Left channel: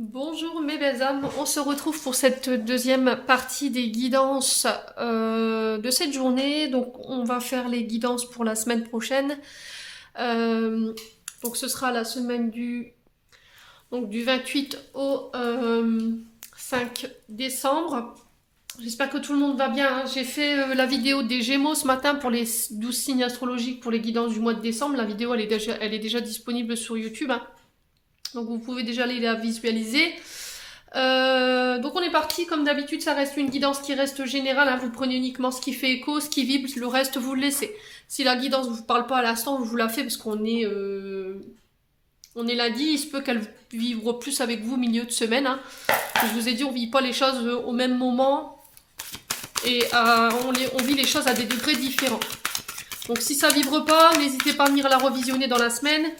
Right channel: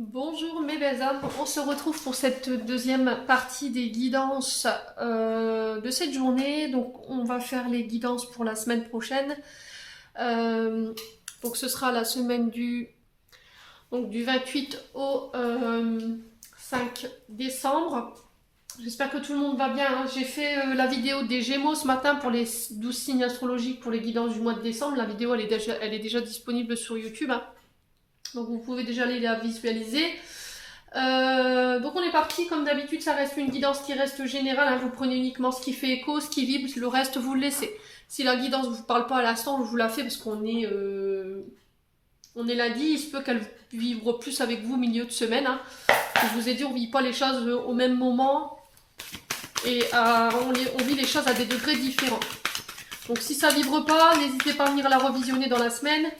Bonjour mes belles âmes, on se retrouve pour cette deuxième partie des guidances de cette journée. Donc on va faire les guidances pour la semaine prochaine. Donc ce sera la semaine du 28 au 5 décembre. J'espère que tout le monde va bien, hein. J'ai fait la vidéo des Gémeaux ce matin pour les 12 signes astrologiques pour les guidances du mois de décembre. La vidéo elle est déjà disponible sur YouTube, hein. Donc vous pouvez déjà aller la visualiser. Donc on est parti, comme d'habitude ça reste une guidance qui reste générale, hein. Vous prenez uniquement ce qui fait écho, ce qui vibre, le reste vous le laissez. Si la guidance ne vous parle pas à l'instant, je vous la fais parce qu'on est lundi, il se peut qu'elle vibre plus avec vous milieu de semaine, hein. Je vous ai dit, on vit pas les choses au même moment et on vit les choses à des degrés différents. Donc si ça vibre pas, n'hésitez pas à venir la revisionner dans la semaine.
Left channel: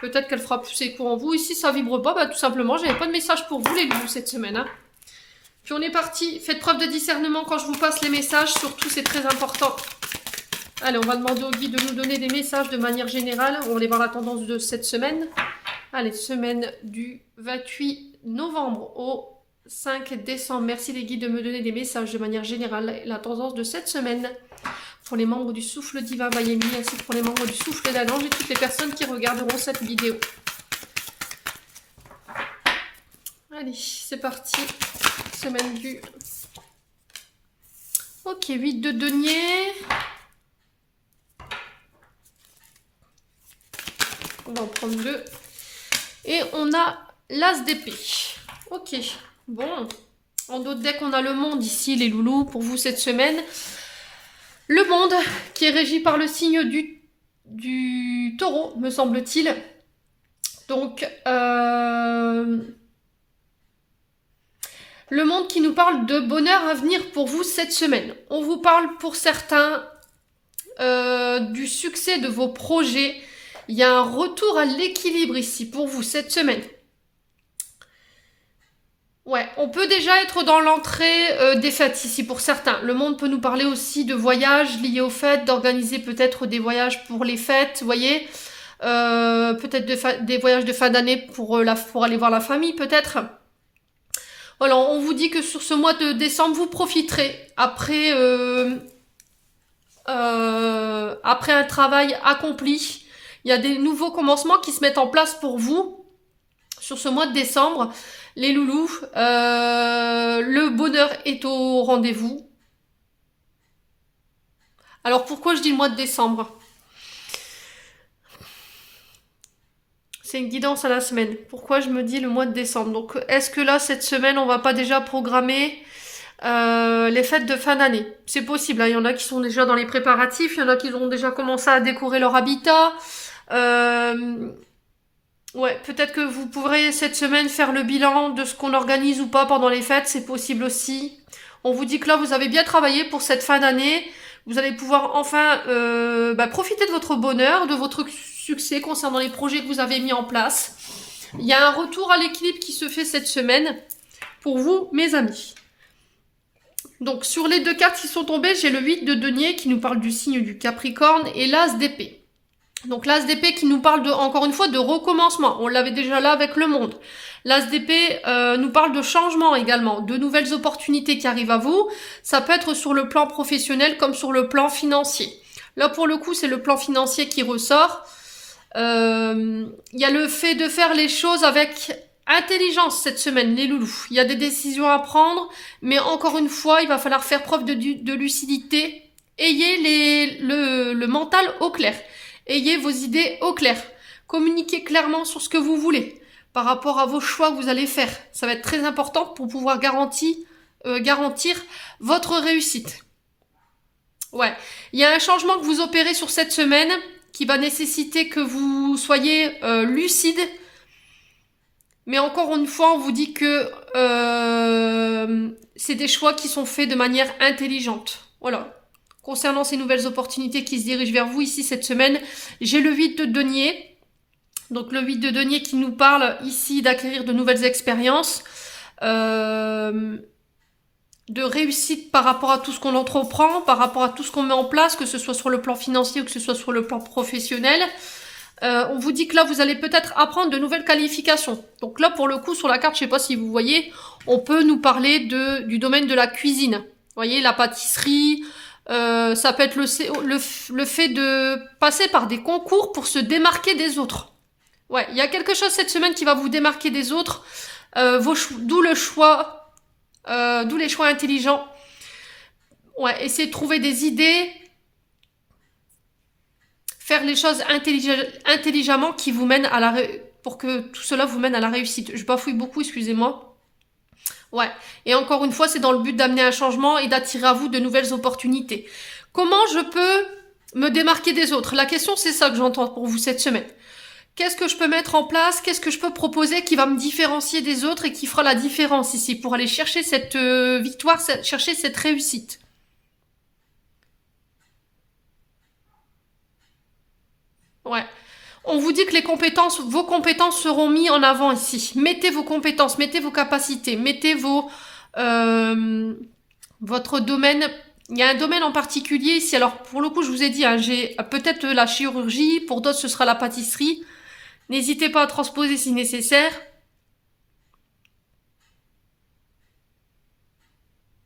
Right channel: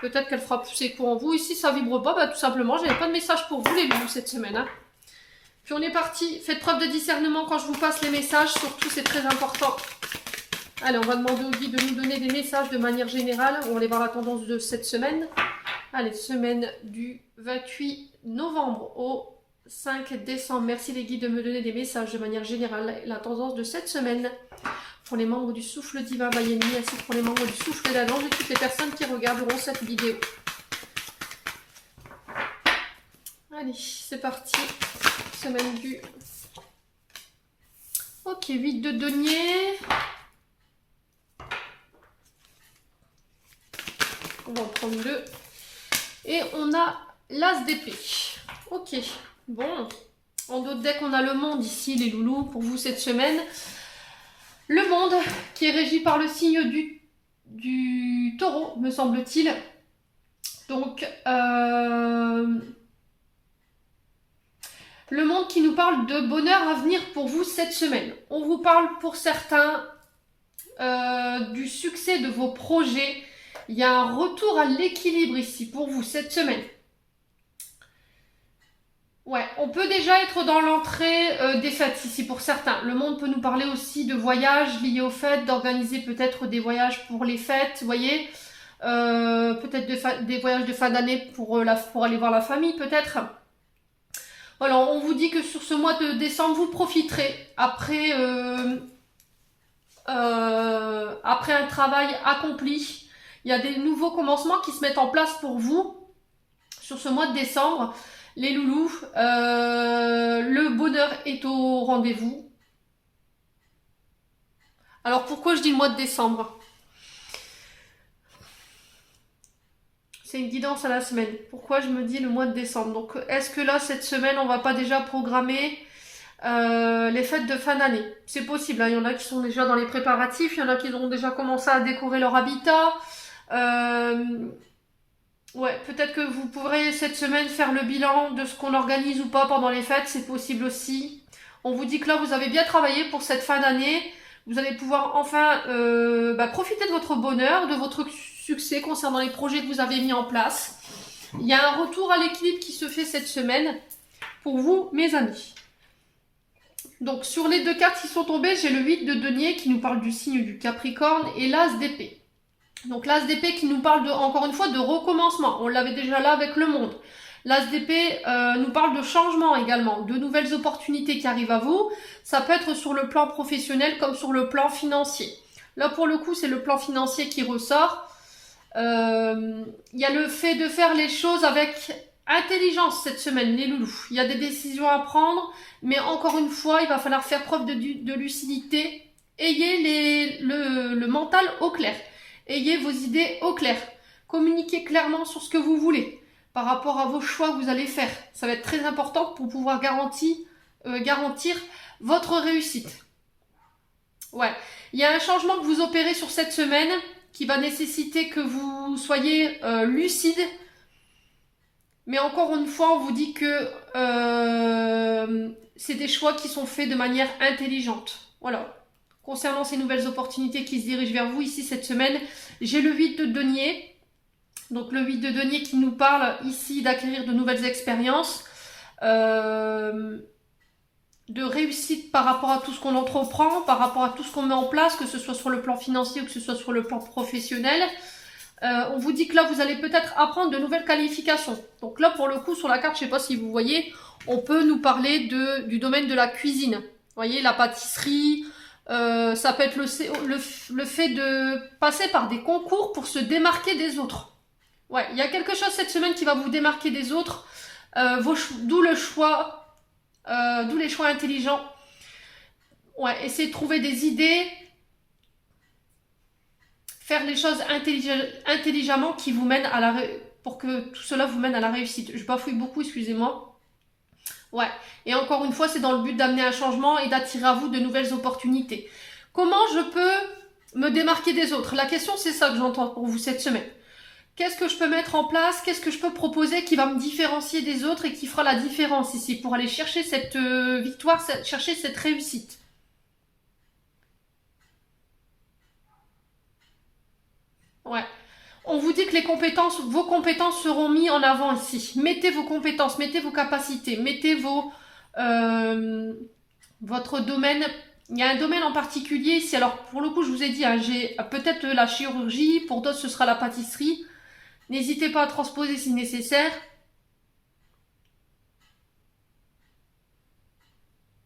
Peut-être qu'elle fera plus écho en vous. Et si ça vibre pas, bah, tout simplement, j'avais pas de message pour vous les loups cette semaine, hein. Puis on est parti. Faites preuve de discernement quand je vous passe les messages. Surtout, c'est très important. Allez, on va demander au guide de nous donner des messages de manière générale. On va aller voir la tendance de cette semaine. Allez, semaine du 28 novembre au 5 décembre. Merci les guides de me donner des messages de manière générale. La tendance de cette semaine. Pour les membres du souffle divin Mayemi, ainsi que pour les membres du souffle d'Agange et toutes les personnes qui regarderont cette vidéo. Allez, c'est parti. Semaine du... Ok, 8 de denier. On va en prendre deux. Et on a l'as d'épée. Ok, bon. En d'autres decks, on a le monde ici, les loulous, pour vous cette semaine. Le monde, qui est régi par le signe du taureau, me semble-t-il. Donc, le monde qui nous parle de bonheur à venir pour vous cette semaine. On vous parle pour certains du succès de vos projets. Il y a un retour à l'équilibre ici pour vous cette semaine. Ouais, on peut déjà être dans l'entrée des fêtes ici pour certains. Le monde peut nous parler aussi de voyages liés aux fêtes, d'organiser peut-être des voyages pour les fêtes, vous voyez. Peut-être des voyages de fin d'année pour aller voir la famille peut-être. Voilà, on vous dit que sur ce mois de décembre, vous profiterez après un travail accompli. Il y a des nouveaux commencements qui se mettent en place pour vous sur ce mois de décembre. Les loulous, le bonheur est au rendez-vous. Alors pourquoi je dis le mois de décembre ? C'est une guidance à la semaine. Pourquoi je me dis le mois de décembre ? Donc est-ce que là, cette semaine, on va pas déjà programmer les fêtes de fin d'année ? C'est possible, hein. Il y en a qui sont déjà dans les préparatifs, il y en a qui ont déjà commencé à décorer leur habitat. Ouais, peut-être que vous pourrez cette semaine faire le bilan de ce qu'on organise ou pas pendant les fêtes, c'est possible aussi. On vous dit que là, vous avez bien travaillé pour cette fin d'année. Vous allez pouvoir enfin profiter de votre bonheur, de votre succès concernant les projets que vous avez mis en place. Il y a un retour à l'équilibre qui se fait cette semaine pour vous, mes amis. Donc, sur les deux cartes qui sont tombées, j'ai le 8 de denier qui nous parle du signe du Capricorne et l'as d'épée. Donc l'as d'épée qui nous parle encore une fois de recommencement. On l'avait déjà là avec le monde. L'as d'épée nous parle de changement également, de nouvelles opportunités qui arrivent à vous. Ça peut être sur le plan professionnel comme sur le plan financier. Là pour le coup c'est le plan financier qui ressort. Il y a le fait de faire les choses avec intelligence cette semaine, les loulous. Il y a des décisions à prendre, mais encore une fois il va falloir faire preuve de lucidité. Ayez le mental au clair. Ayez vos idées au clair. Communiquez clairement sur ce que vous voulez par rapport à vos choix que vous allez faire. Ça va être très important pour pouvoir garantir votre réussite. Ouais, il y a un changement que vous opérez sur cette semaine qui va nécessiter que vous soyez lucide. Mais encore une fois, on vous dit que c'est des choix qui sont faits de manière intelligente. Voilà. Concernant ces nouvelles opportunités qui se dirigent vers vous ici cette semaine, j'ai le 8 de denier. Donc le 8 de denier qui nous parle ici d'acquérir de nouvelles expériences, de réussite par rapport à tout ce qu'on entreprend, par rapport à tout ce qu'on met en place, que ce soit sur le plan financier ou que ce soit sur le plan professionnel. On vous dit que là, vous allez peut-être apprendre de nouvelles qualifications. Donc là, pour le coup, sur la carte, je sais pas si vous voyez, on peut nous parler du domaine de la cuisine. Vous voyez, la pâtisserie, ça peut être le fait de passer par des concours pour se démarquer des autres. Ouais, il y a quelque chose cette semaine qui va vous démarquer des autres, d'où les choix intelligents. Ouais, essayez de trouver des idées, faire les choses intelligemment qui vous mènent pour que tout cela vous mène à la réussite. Je bafouille beaucoup, excusez-moi. Ouais, et encore une fois, c'est dans le but d'amener un changement et d'attirer à vous de nouvelles opportunités. Comment je peux me démarquer des autres? La question, c'est ça que j'entends pour vous cette semaine. Qu'est-ce que je peux mettre en place? Qu'est-ce que je peux proposer qui va me différencier des autres et qui fera la différence ici pour aller chercher cette victoire, chercher cette réussite? Ouais. On vous dit que vos compétences seront mises en avant ici. Mettez vos compétences, mettez vos capacités, mettez votre domaine. Il y a un domaine en particulier ici. Alors, pour le coup, je vous ai dit, hein, j'ai peut-être la chirurgie, pour d'autres, ce sera la pâtisserie. N'hésitez pas à transposer si nécessaire.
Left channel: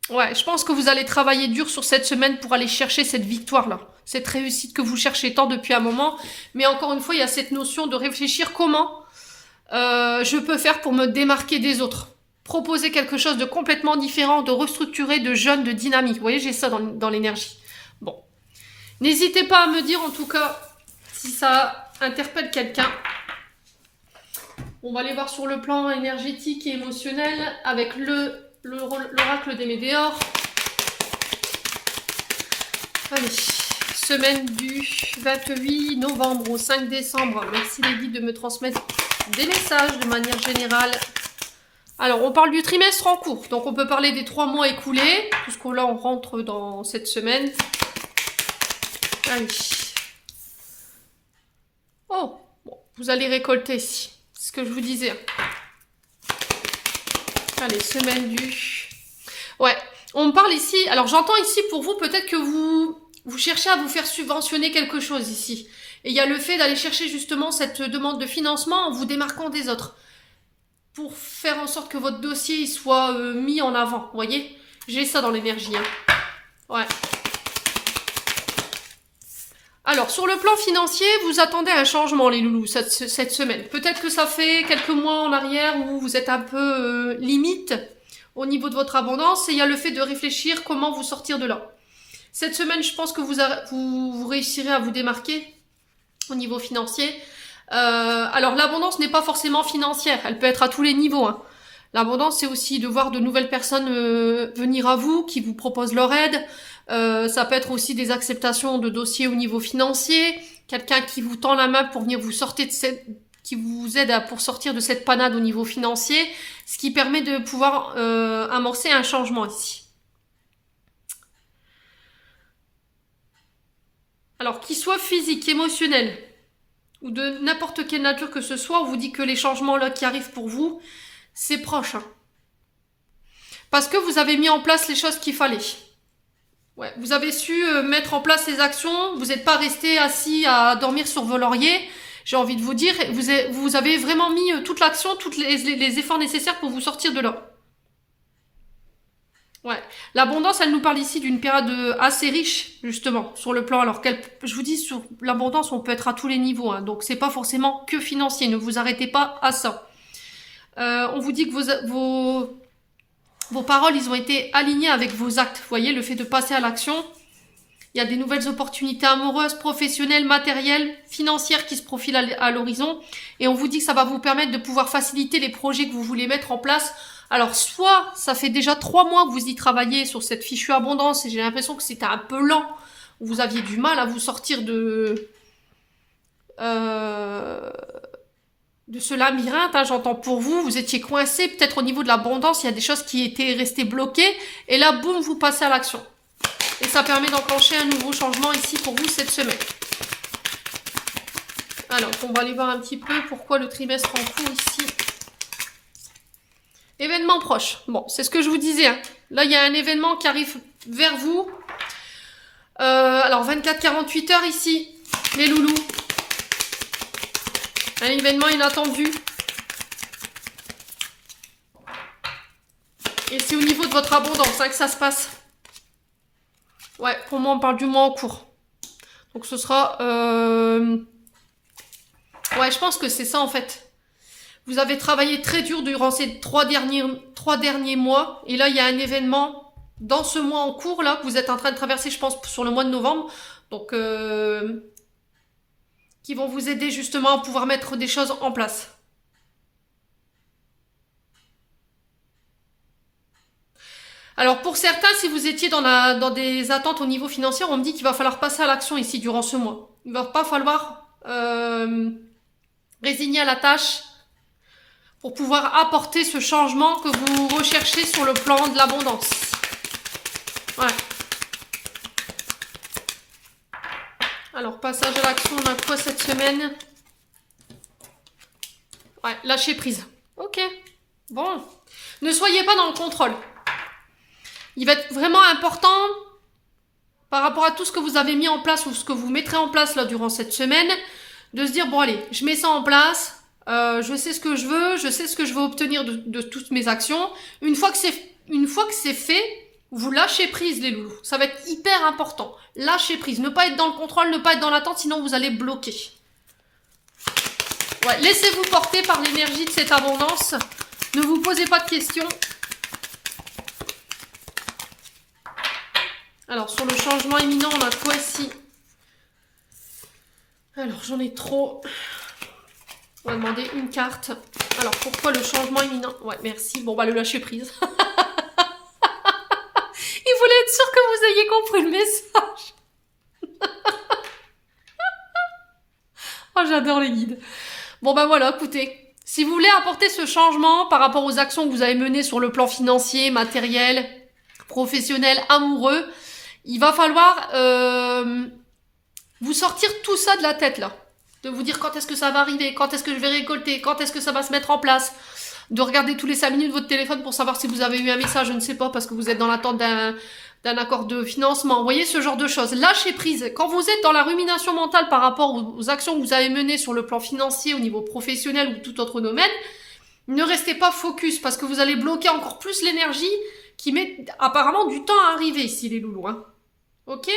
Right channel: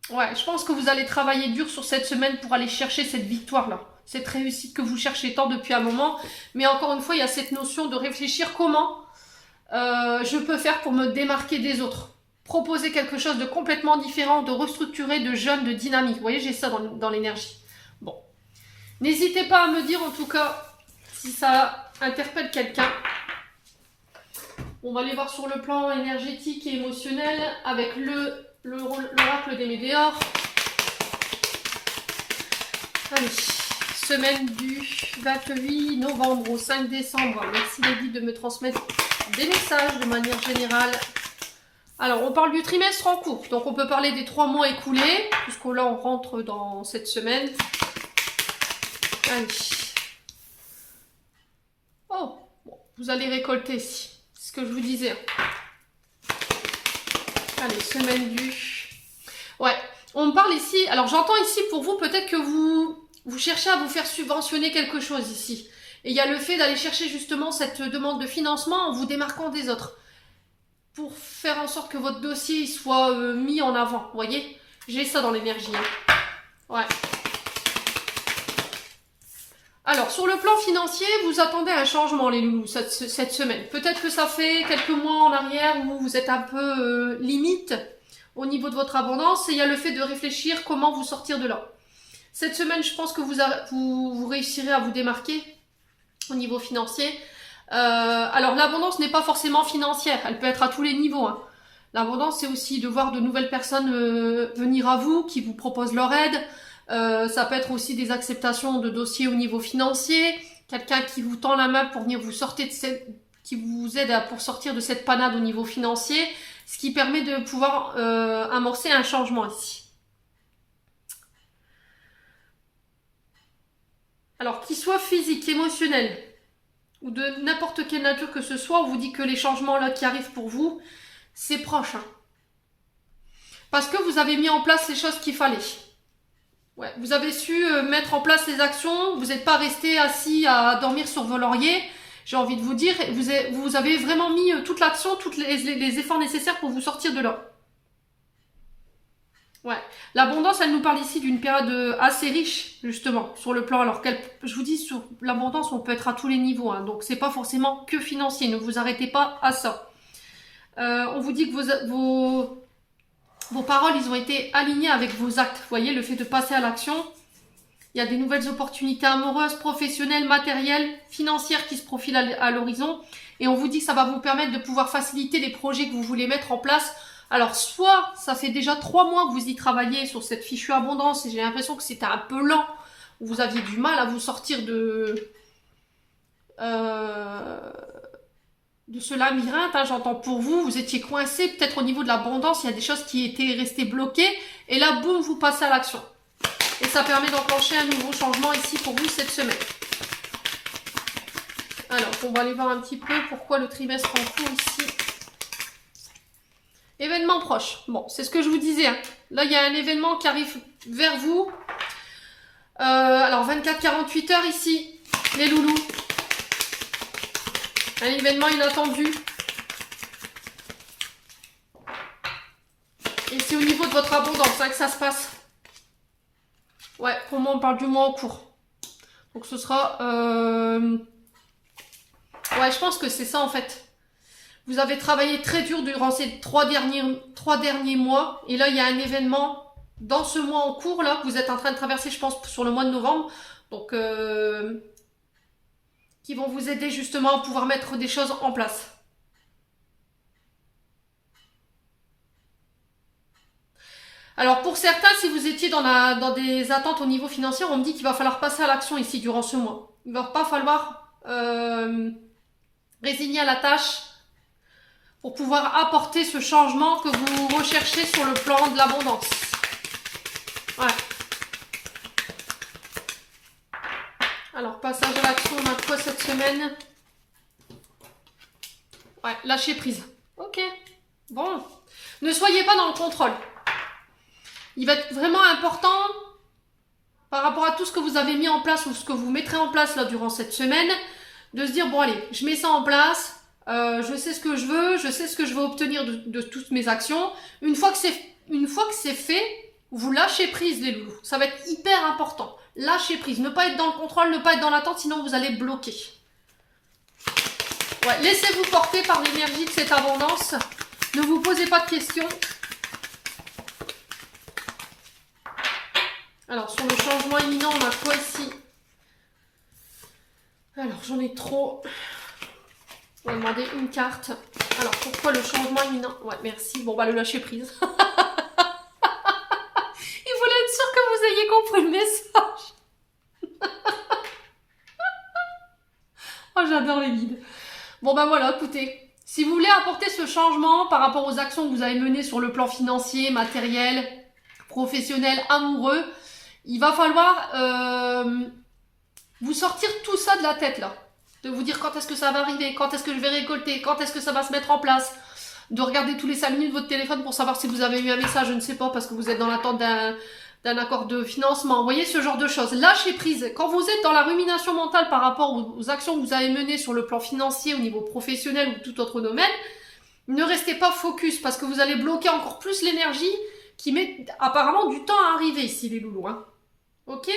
Ouais, je pense que vous allez travailler dur sur cette semaine pour aller chercher cette victoire-là, cette réussite que vous cherchez tant depuis un moment. Mais encore une fois, il y a cette notion de réfléchir comment je peux faire pour me démarquer des autres. Proposer quelque chose de complètement différent, de restructuré, de jeune, de dynamique. Vous voyez, j'ai ça dans l'énergie. Bon. N'hésitez pas à me dire en tout cas si ça interpelle quelqu'un. On va aller voir sur le plan énergétique et émotionnel avec l'oracle des Médéors. Allez, semaine du 28 novembre au 5 décembre. Merci les guides de me transmettre des messages de manière générale. Alors, on parle du trimestre en cours. Donc, on peut parler des 3 mois écoulés, puisque là, on rentre dans cette semaine. Allez. Oh, bon, vous allez récolter ici. C'est ce que je vous disais. Allez, semaine du... Ouais, on me parle ici... Alors, j'entends ici pour vous, peut-être que vous cherchez à vous faire subventionner quelque chose ici. Et il y a le fait d'aller chercher justement cette demande de financement en vous démarquant des autres. Pour faire en sorte que votre dossier il soit mis en avant, vous voyez. J'ai ça dans l'énergie. Hein. Ouais. Alors, sur le plan financier, vous attendez un changement, les loulous, cette semaine. Peut-être que ça fait quelques mois en arrière où vous êtes un peu limite au niveau de votre abondance. Et il y a le fait de réfléchir comment vous sortir de là. Cette semaine, je pense que vous réussirez à vous démarquer au niveau financier. Alors, l'abondance n'est pas forcément financière. Elle peut être à tous les niveaux. Hein. L'abondance, c'est aussi de voir de nouvelles personnes venir à vous, qui vous proposent leur aide. Ça peut être aussi des acceptations de dossiers au niveau financier, quelqu'un qui vous tend la main pour venir qui vous aide pour sortir de cette panade au niveau financier, ce qui permet de pouvoir amorcer un changement ici. Alors, qu'il soit physique, émotionnel, ou de n'importe quelle nature que ce soit, on vous dit que les changements là qui arrivent pour vous, c'est proche. Hein. Parce que vous avez mis en place les choses qu'il fallait. Ouais, vous avez su mettre en place les actions, vous n'êtes pas resté assis à dormir sur vos lauriers, j'ai envie de vous dire, vous avez vraiment mis toute l'action, tous les efforts nécessaires pour vous sortir de là. Ouais, l'abondance, elle nous parle ici d'une période assez riche, justement, sur le plan, alors je vous dis, sur l'abondance, on peut être à tous les niveaux, hein, donc c'est pas forcément que financier, ne vous arrêtez pas à ça. On vous dit que vos paroles, ils ont été alignées avec vos actes. Vous voyez, le fait de passer à l'action. Il y a des nouvelles opportunités amoureuses, professionnelles, matérielles, financières qui se profilent à l'horizon. Et on vous dit que ça va vous permettre de pouvoir faciliter les projets que vous voulez mettre en place. Alors, soit ça fait déjà 3 mois que vous y travaillez sur cette fichue abondance et j'ai l'impression que c'était un peu lent. Vous aviez du mal à vous sortir de ce labyrinthe, hein, j'entends pour vous, vous étiez coincé, peut-être au niveau de l'abondance, il y a des choses qui étaient restées bloquées, et là, boum, vous passez à l'action. Et ça permet d'enclencher un nouveau changement ici pour vous cette semaine. Alors, on va aller voir un petit peu pourquoi le trimestre en cours ici. Événement proche. Bon, c'est ce que je vous disais. Hein. Là, il y a un événement qui arrive vers vous. Alors, 24-48 heures ici, les loulous. Un événement inattendu. Et c'est au niveau de votre abondance que ça se passe. Ouais, pour moi, on parle du mois en cours. Donc ce sera... Ouais, je pense que c'est ça en fait. Vous avez travaillé très dur durant ces trois derniers mois. Et là, il y a un événement dans ce mois en cours là que vous êtes en train de traverser, je pense, sur le mois de novembre. Donc, qui vont vous aider justement à pouvoir mettre des choses en place. Alors pour certains, si vous étiez dans des attentes au niveau financier, on me dit qu'il va falloir passer à l'action ici durant ce mois. Il ne va pas falloir résigner à la tâche pour pouvoir apporter ce changement que vous recherchez sur le plan de l'abondance. Voilà. Alors, passage à l'action, on a quoi cette semaine? Ouais, lâcher prise. Ok, bon. Ne soyez pas dans le contrôle. Il va être vraiment important, par rapport à tout ce que vous avez mis en place ou ce que vous mettrez en place là durant cette semaine, de se dire, bon allez, je mets ça en place, je sais ce que je veux, je sais ce que je veux obtenir de toutes mes actions. Une fois que c'est fait, vous lâchez prise les loulous. Ça va être hyper important. Lâchez prise, ne pas être dans le contrôle, ne pas être dans l'attente, sinon vous allez bloquer. Ouais, laissez-vous porter par l'énergie de cette abondance. Ne vous posez pas de questions. Alors, sur le changement imminent, on a quoi ici? Alors, j'en ai trop. On va demander une carte. Alors, pourquoi le changement imminent? Ouais, merci. Bon, bah, le lâcher prise. Il voulait être sûr que vous ayez compris le message. Oh, j'adore les guides. Bon, bah voilà, écoutez. Si vous voulez apporter ce changement par rapport aux actions que vous avez menées sur le plan financier, matériel, professionnel, amoureux, il va falloir vous sortir tout ça de la tête, là. De vous dire quand est-ce que ça va arriver, quand est-ce que je vais récolter, quand est-ce que ça va se mettre en place. De regarder tous les 5 minutes votre téléphone pour savoir si vous avez eu un message, je ne sais pas, parce que vous êtes dans l'attente d'un accord de financement. Vous voyez, ce genre de choses. Lâchez prise. Quand vous êtes dans la rumination mentale par rapport aux actions que vous avez menées sur le plan financier, au niveau professionnel ou tout autre domaine, ne restez pas focus, parce que vous allez bloquer encore plus l'énergie qui met apparemment du temps à arriver ici, les loulous. Hein. Ok?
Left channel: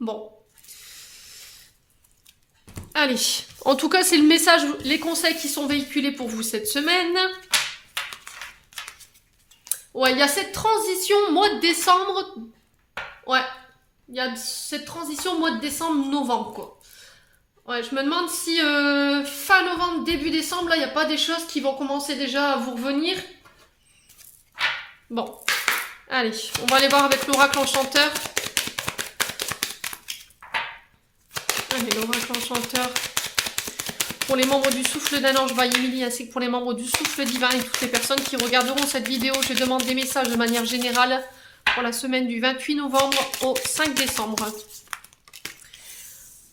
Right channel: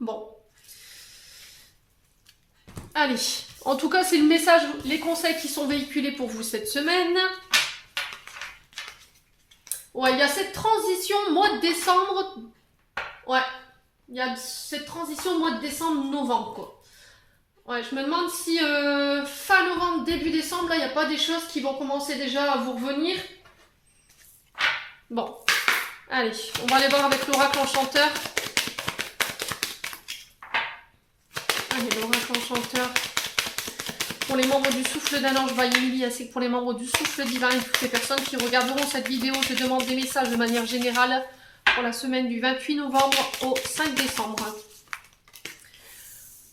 Bon. Allez. En tout cas, c'est le message, les conseils qui sont véhiculés pour vous cette semaine. Ouais, il y a cette transition mois de décembre. Ouais. Il y a cette transition mois de décembre-novembre, quoi. Ouais, je me demande si fin novembre, début décembre, là, il n'y a pas des choses qui vont commencer déjà à vous revenir. Bon. Allez, on va aller voir avec l'oracle enchanteur. Allez, l'oracle enchanteur. Pour les membres du souffle d'un ange Vaille-Émilie, ainsi que pour les membres du souffle divin et toutes les personnes qui regarderont cette vidéo, je demande des messages de manière générale pour la semaine du 28 novembre au 5 décembre.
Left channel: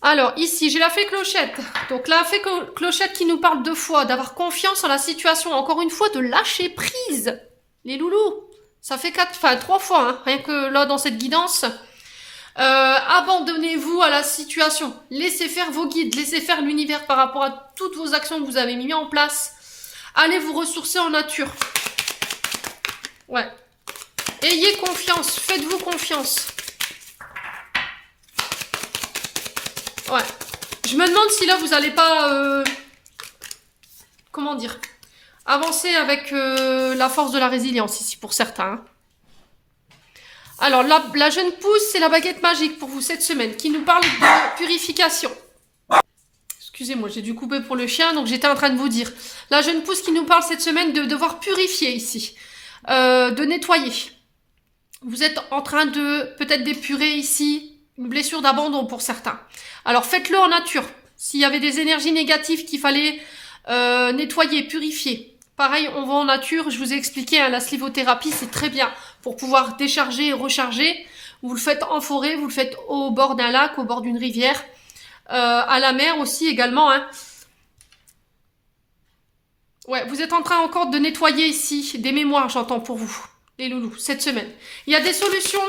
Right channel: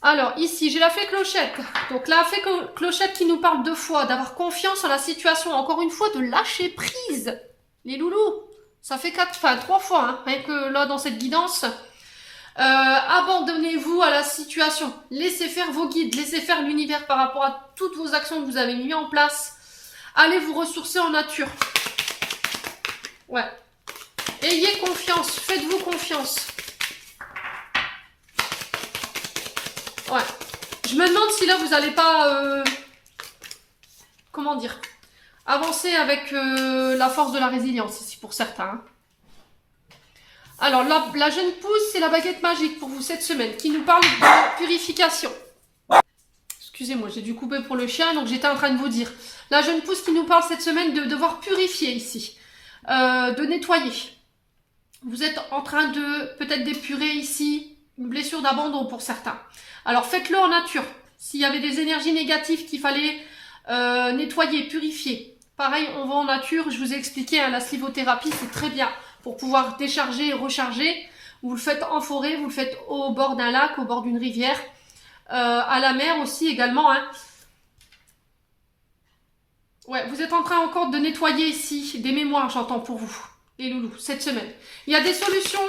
Alors, ici, j'ai la fée clochette. Donc, la fée clochette qui nous parle 2 fois, d'avoir confiance en la situation. Encore une fois, de lâcher prise. Les loulous, ça fait 3 fois, hein, rien que là, dans cette guidance. Abandonnez-vous à la situation. Laissez faire vos guides, laissez faire l'univers par rapport à toutes vos actions que vous avez mis en place. Allez vous ressourcer en nature. Ouais. Ayez confiance, faites-vous confiance. Ouais. Je me demande si là vous n'allez pas... comment dire, avancer avec la force de la résilience ici pour certains. Hein. Alors, la jeune pousse, c'est la baguette magique pour vous cette semaine, qui nous parle de purification. Excusez-moi, j'ai dû couper pour le chien, donc j'étais en train de vous dire. La jeune pousse qui nous parle cette semaine de devoir purifier ici, de nettoyer. Vous êtes en train de peut-être d'épurer ici une blessure d'abandon pour certains. Alors, faites-le en nature. S'il y avait des énergies négatives qu'il fallait nettoyer, purifier. Pareil, on va en nature. Je vous ai expliqué, hein, la slivothérapie, c'est très bien. Pour pouvoir décharger et recharger, vous le faites en forêt, vous le faites au bord d'un lac, au bord d'une rivière, à la mer aussi également. Hein. Ouais, vous êtes en train encore de nettoyer ici, des mémoires j'entends pour vous, les loulous, cette semaine. Il y a des solutions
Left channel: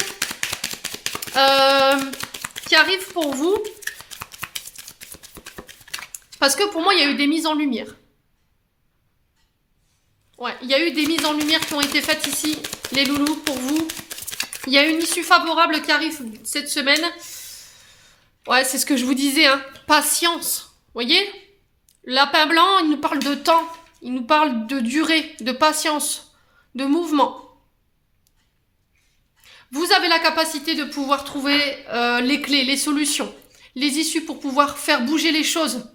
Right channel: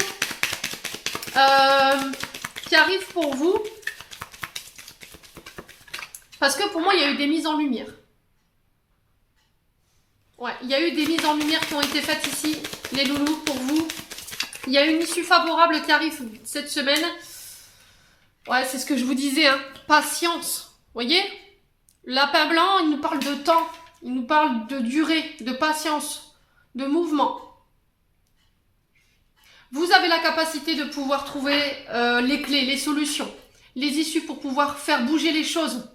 qui arrivent pour vous. Parce que pour moi, il y a eu des mises en lumière. Ouais, il y a eu des mises en lumière qui ont été faites ici, les loulous, pour vous. Il y a une issue favorable qui arrive cette semaine. Ouais, c'est ce que je vous disais, hein. Patience. Voyez? Lapin blanc, il nous parle de temps. Il nous parle de durée, de patience, de mouvement. Vous avez la capacité de pouvoir trouver les clés, les solutions, les issues pour pouvoir faire bouger les choses.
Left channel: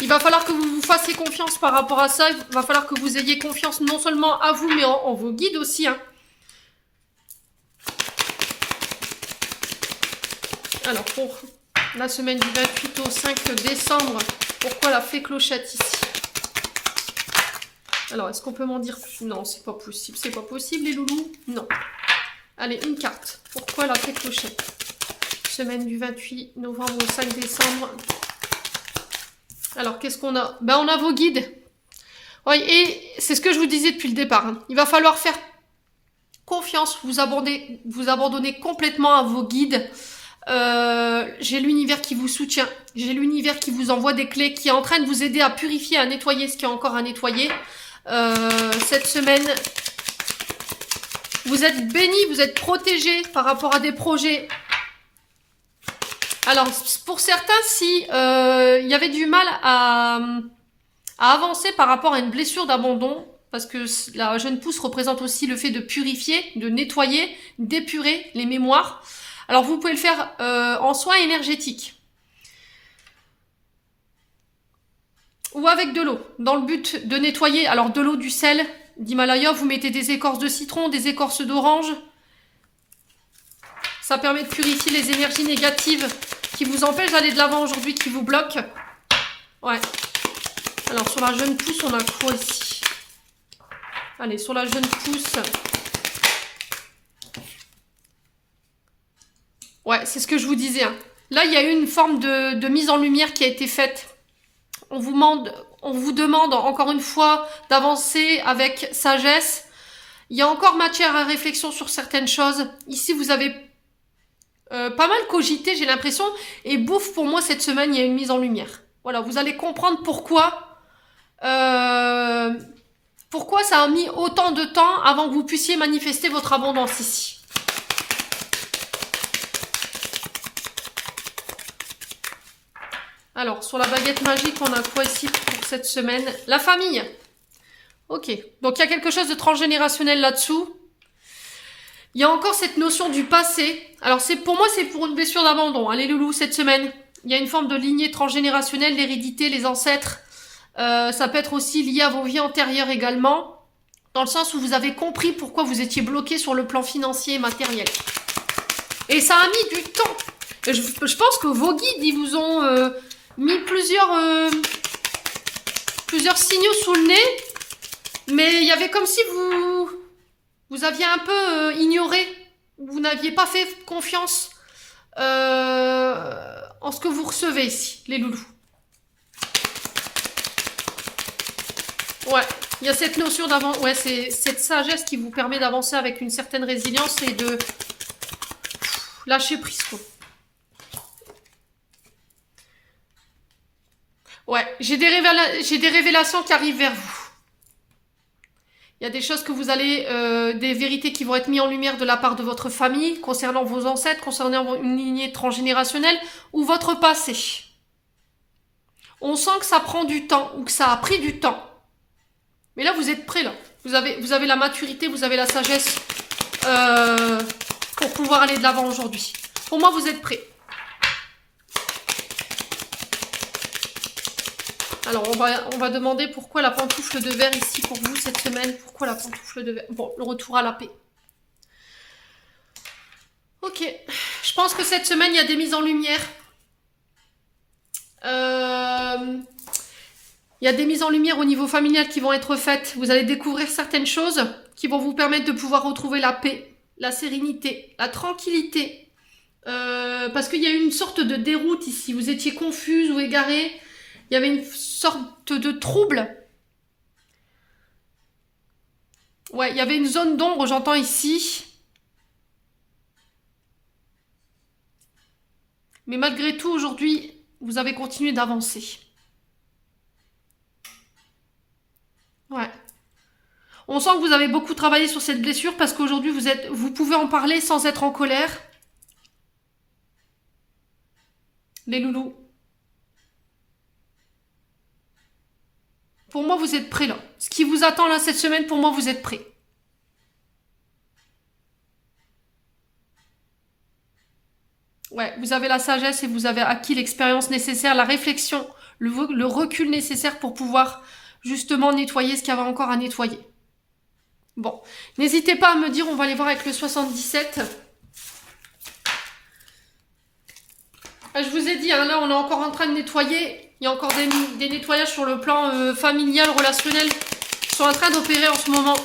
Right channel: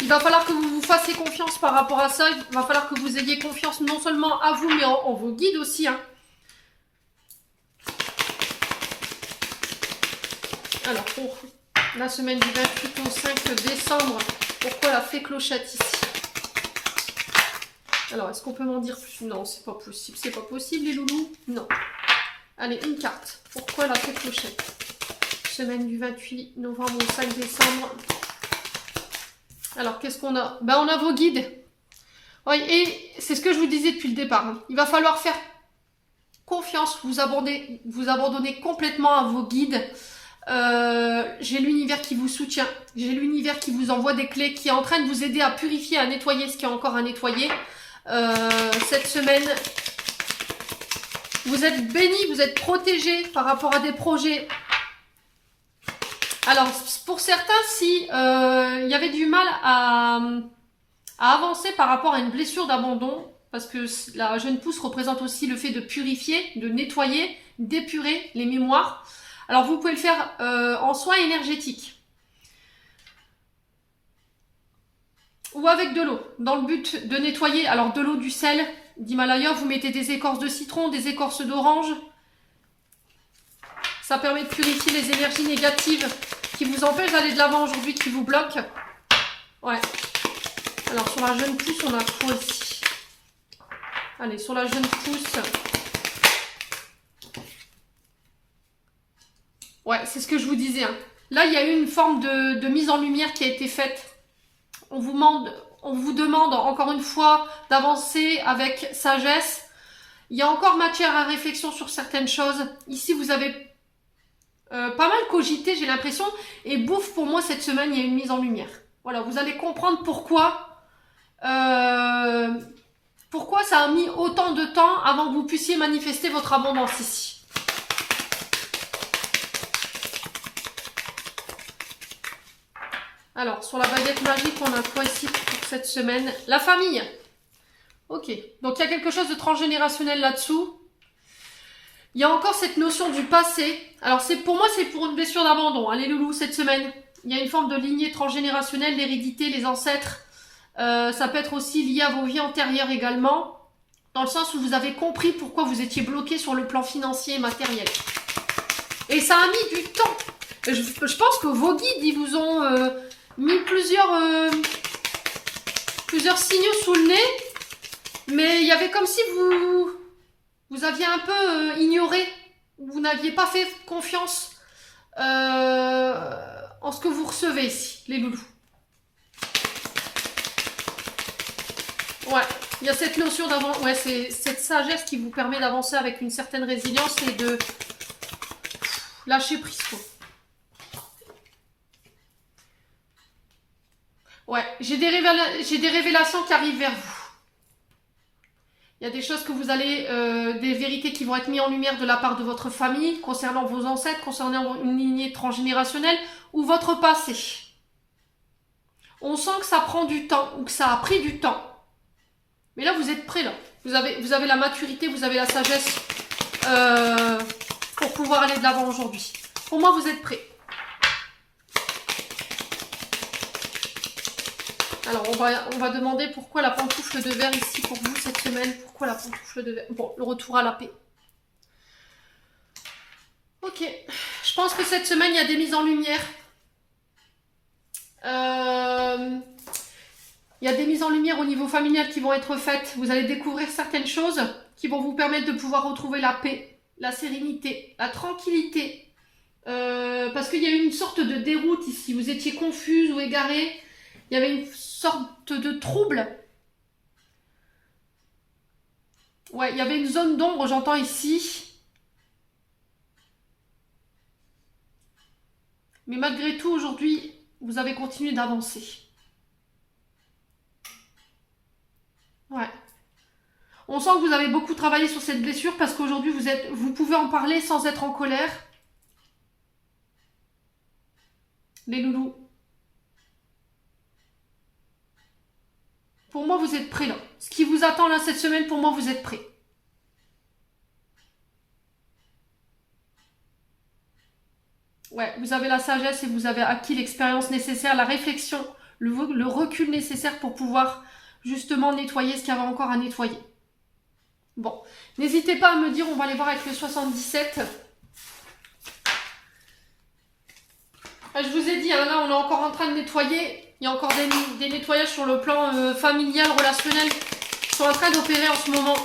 Il va falloir que vous vous fassiez confiance par rapport à ça. Il va falloir que vous ayez confiance non seulement à vous, mais en vos guides aussi, hein. Alors, pour la semaine du 28 au 5 décembre, pourquoi la fée clochette ici? Alors, est-ce qu'on peut m'en dire plus? Non, c'est pas possible. C'est pas possible, les loulous? Non. Allez, une carte. Pourquoi la fée clochette? Semaine du 28 novembre au 5 décembre. Alors, qu'est-ce qu'on a? Ben, on a vos guides. Oui, et c'est ce que je vous disais depuis le départ, hein. Il va falloir faire confiance, vous abandonner complètement à vos guides. J'ai l'univers qui vous soutient. J'ai l'univers qui vous envoie des clés, qui est en train de vous aider à purifier, à nettoyer ce qu'il y a encore à nettoyer. Cette semaine, vous êtes bénis, vous êtes protégés par rapport à des projets. Alors, pour certains, si il y avait du mal à avancer par rapport à une blessure d'abandon, parce que la jeune pousse représente aussi le fait de purifier, de nettoyer, d'épurer les mémoires. Alors, vous pouvez le faire en soins énergétiques. Ou avec de l'eau, dans le but de nettoyer. Alors, de l'eau, du sel d'Himalaya, vous mettez des écorces de citron, des écorces d'orange. Ça permet de purifier les énergies négatives qui vous empêchent d'aller de l'avant aujourd'hui, qui vous bloquent. Ouais. Alors, sur la jeune pousse, on a quoi ici? Allez, sur la jeune pousse. Ouais, c'est ce que je vous disais, hein. Là, il y a eu une forme de mise en lumière qui a été faite. On vous demande encore une fois d'avancer avec sagesse. Il y a encore matière à réflexion sur certaines choses. Ici, vous avez pas mal cogité, j'ai l'impression. Et bouffe, pour moi, cette semaine, il y a une mise en lumière. Voilà, vous allez comprendre pourquoi ça a mis autant de temps avant que vous puissiez manifester votre abondance ici. Alors, sur la baguette magique, on a quoi ici pour cette semaine? La famille. Ok, donc il y a quelque chose de transgénérationnel là-dessous. Il y a encore cette notion du passé. Alors, pour moi, c'est pour une blessure d'abandon, hein, les loulous, cette semaine. Il y a une forme de lignée transgénérationnelle, l'hérédité, les ancêtres. Ça peut être aussi lié à vos vies antérieures également, dans le sens où vous avez compris pourquoi vous étiez bloqué sur le plan financier et matériel. Et ça a mis du temps. Et je pense que vos guides, ils vous ont mis plusieurs signaux sous le nez, mais il y avait comme si vous aviez un peu ignoré, vous n'aviez pas fait confiance en ce que vous recevez ici, les loulous. Ouais, il y a cette notion d'avant, ouais, c'est cette sagesse qui vous permet d'avancer avec une certaine résilience et de lâcher prise, quoi. Ouais, j'ai des révélations qui arrivent vers vous. Il y a des choses que vous allez, des vérités qui vont être mises en lumière de la part de votre famille, concernant vos ancêtres, concernant une lignée transgénérationnelle ou votre passé. On sent que ça prend du temps ou que ça a pris du temps. Mais là, vous êtes prêts, là. Vous avez la maturité, vous avez la sagesse pour pouvoir aller de l'avant aujourd'hui. Pour moi, vous êtes prêts. Alors, on va demander pourquoi la pantoufle de verre ici pour vous cette semaine. Pourquoi la pantoufle de verre? Bon, le retour à la paix. Ok. Je pense que cette semaine, il y a des mises en lumière. Il y a des mises en lumière au niveau familial qui vont être faites. Vous allez découvrir certaines choses qui vont vous permettre de pouvoir retrouver la paix, la sérénité, la tranquillité. Parce qu'il y a eu une sorte de déroute ici. Vous étiez confuse ou égaré. Il y avait une sorte de trouble. Ouais, il y avait une zone d'ombre, j'entends ici. Mais malgré tout, aujourd'hui, vous avez continué d'avancer. Ouais. On sent que vous avez beaucoup travaillé sur cette blessure parce qu'aujourd'hui, vous pouvez en parler sans être en colère. Les loulous. Pour moi, vous êtes prêts là. Ce qui vous attend là cette semaine, pour moi, vous êtes prêts. Ouais, vous avez la sagesse et vous avez acquis l'expérience nécessaire, la réflexion, le recul nécessaire pour pouvoir justement nettoyer ce qu'il y avait encore à nettoyer. Bon, n'hésitez pas à me dire, on va aller voir avec le 77. Je vous ai dit, hein, là on est encore en train de nettoyer. Il y a encore des nettoyages sur le plan familial, relationnel qui sont en train d'opérer en ce moment.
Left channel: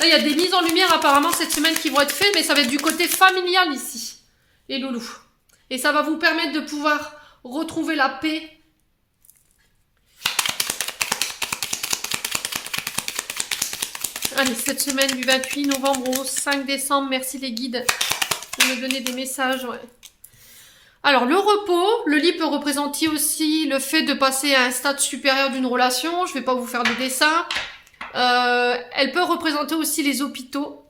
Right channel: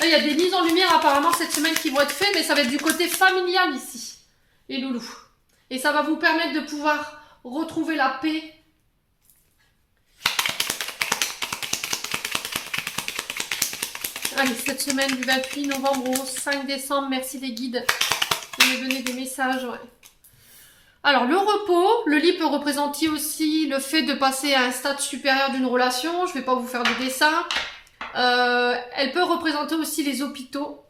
Là, il y a des mises en lumière apparemment cette semaine qui vont être faites, mais ça va être du côté familial ici, les loulous. Et ça va vous permettre de pouvoir retrouver la paix. Allez, cette semaine du 28 novembre au 5 décembre, merci les guides de me donner des messages. Ouais. Alors, le repos, le lit peut représenter aussi le fait de passer à un stade supérieur d'une relation. Je ne vais pas vous faire de dessin. Elle peut représenter aussi les hôpitaux.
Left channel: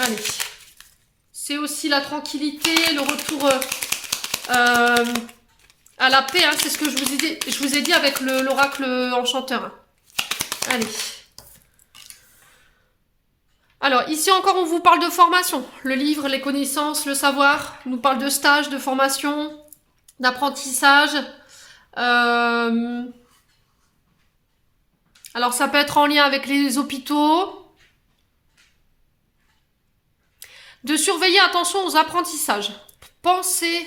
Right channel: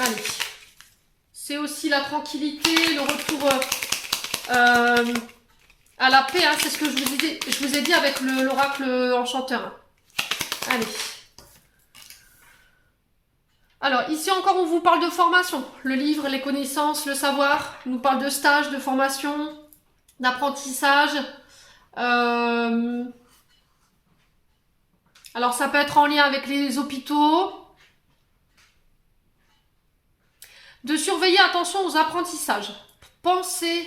Allez. C'est aussi la tranquillité, le retour à la paix. Hein, c'est ce que je vous ai dit avec l'oracle enchanteur. Allez. Alors, ici encore, on vous parle de formation. Le livre, les connaissances, le savoir. On nous parle de stage, de formation, d'apprentissage. Alors, ça peut être en lien avec les hôpitaux. De surveiller, attention aux apprentissages. Pensez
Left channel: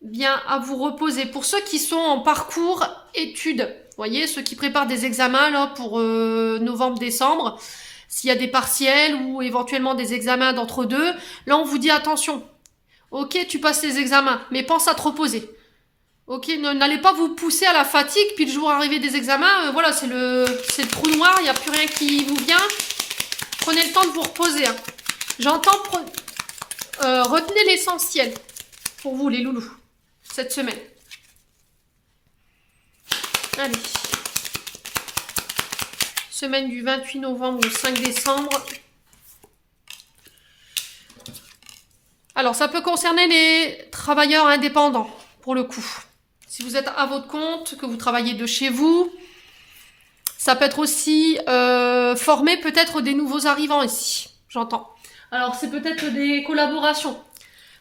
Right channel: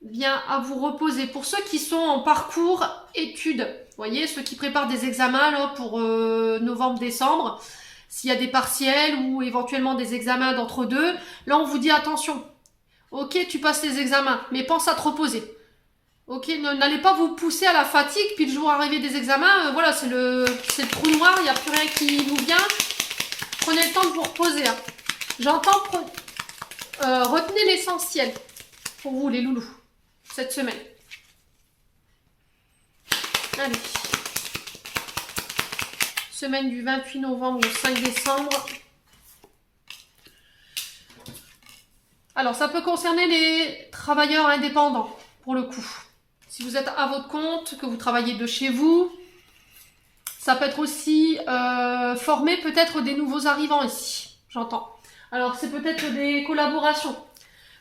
bien à vous reposer. Pour ceux qui sont en parcours études, vous voyez, ceux qui préparent des examens là, pour novembre-décembre, s'il y a des partiels ou éventuellement des examens d'entre-deux, là on vous dit attention. Ok, tu passes les examens, mais pense à te reposer. Ok, n'allez pas vous pousser à la fatigue, puis le jour arrivé des examens, voilà, c'est le trou noir, il n'y a plus rien qui vous vient. Prenez le temps de vous reposer. Hein. J'entends... retenez l'essentiel pour vous les loulous cette semaine. Allez. Semaine du 28 novembre au 5 décembre. Alors ça peut concerner les travailleurs indépendants pour le coup. Si vous êtes à votre compte, que vous travaillez de chez vous, ça peut être aussi former peut-être des nouveaux arrivants ici. J'entends. Alors, c'est peut-être des collaborations.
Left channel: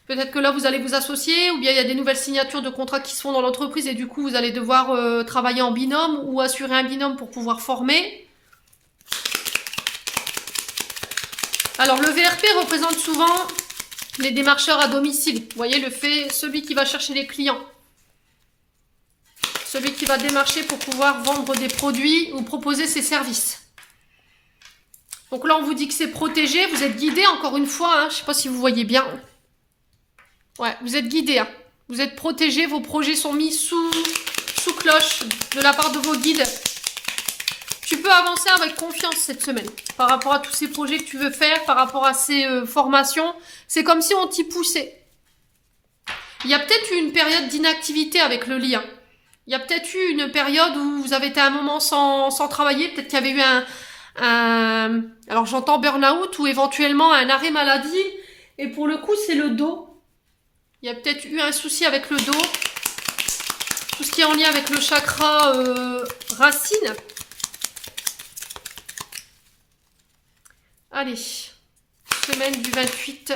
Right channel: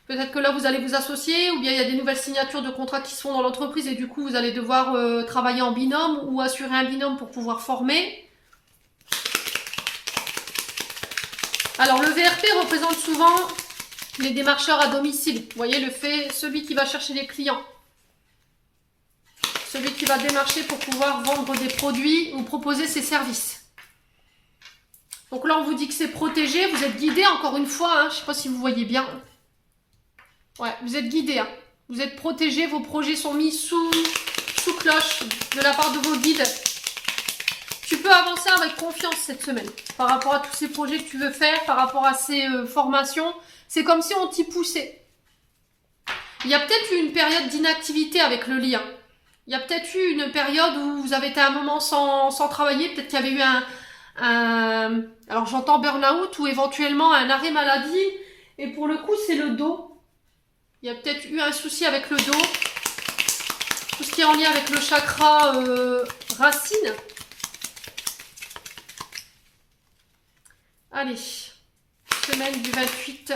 Peut-être que là, vous allez vous associer ou bien il y a des nouvelles signatures de contrats qui se font dans l'entreprise et du coup, vous allez devoir travailler en binôme ou assurer un binôme pour pouvoir former. Alors, le VRP représente souvent les démarcheurs à domicile. Vous voyez, celui qui va chercher les clients. Celui qui va démarcher pour pouvoir vendre des produits ou proposer ses services. Donc là, on vous dit que c'est protégé, vous êtes guidé, encore une fois, hein, je ne sais pas si vous voyez bien. Ouais, vous êtes guidé, hein. Vous êtes protégé, vos projets sont mis sous cloche de la part de vos guides. Tu peux avancer avec confiance cette semaine par rapport à tous ces projets que tu veux faire, par rapport à ces formations. C'est comme si on t'y poussait. Il y a peut-être eu une période d'inactivité avec le lien. Il y a peut-être eu une période où vous avez été un moment sans travailler, peut-être qu'il y avait eu alors j'entends burn-out ou éventuellement un arrêt maladie et pour le coup c'est le dos. Il y a peut-être eu un souci avec le dos. Tout ce qui est en lien avec le chakra racine. Allez, semaine du 28.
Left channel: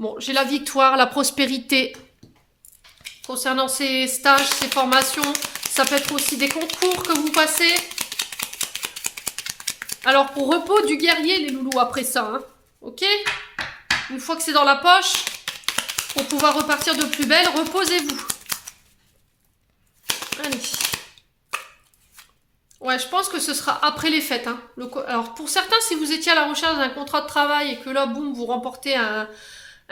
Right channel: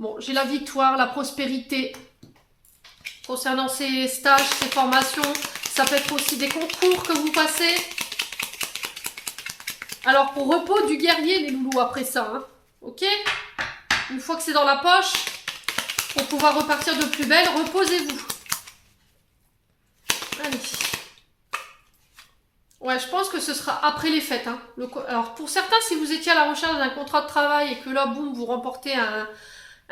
Bon, j'ai la victoire, la prospérité. Concernant ces stages, ces formations, ça peut être aussi des concours que vous passez. Alors, pour repos du guerrier, les loulous, après ça, hein, ok? Une fois que c'est dans la poche, pour pouvoir repartir de plus belle, reposez-vous. Allez. Ouais, je pense que ce sera après les fêtes. Hein. Alors, pour certains, si vous étiez à la recherche d'un contrat de travail et que là, boum, vous remportez un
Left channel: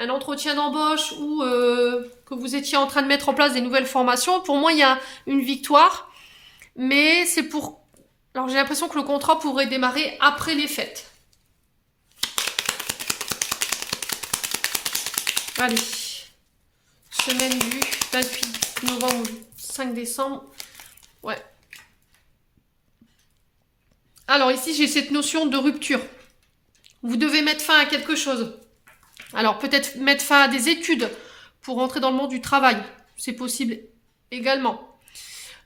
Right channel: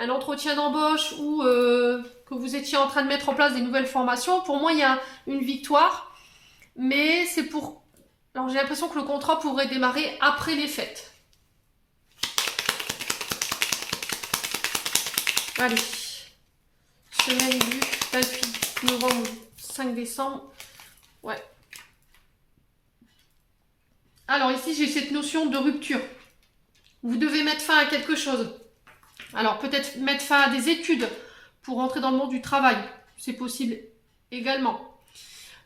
entretien d'embauche ou que vous étiez en train de mettre en place des nouvelles formations, pour moi, il y a une victoire. Mais c'est pour... Alors, j'ai l'impression que le contrat pourrait démarrer après les fêtes. Allez, semaine du 28 novembre, 5 décembre. Ouais. Alors ici, j'ai cette notion de rupture. Vous devez mettre fin à quelque chose. Alors peut-être mettre fin à des études pour rentrer dans le monde du travail. C'est possible également.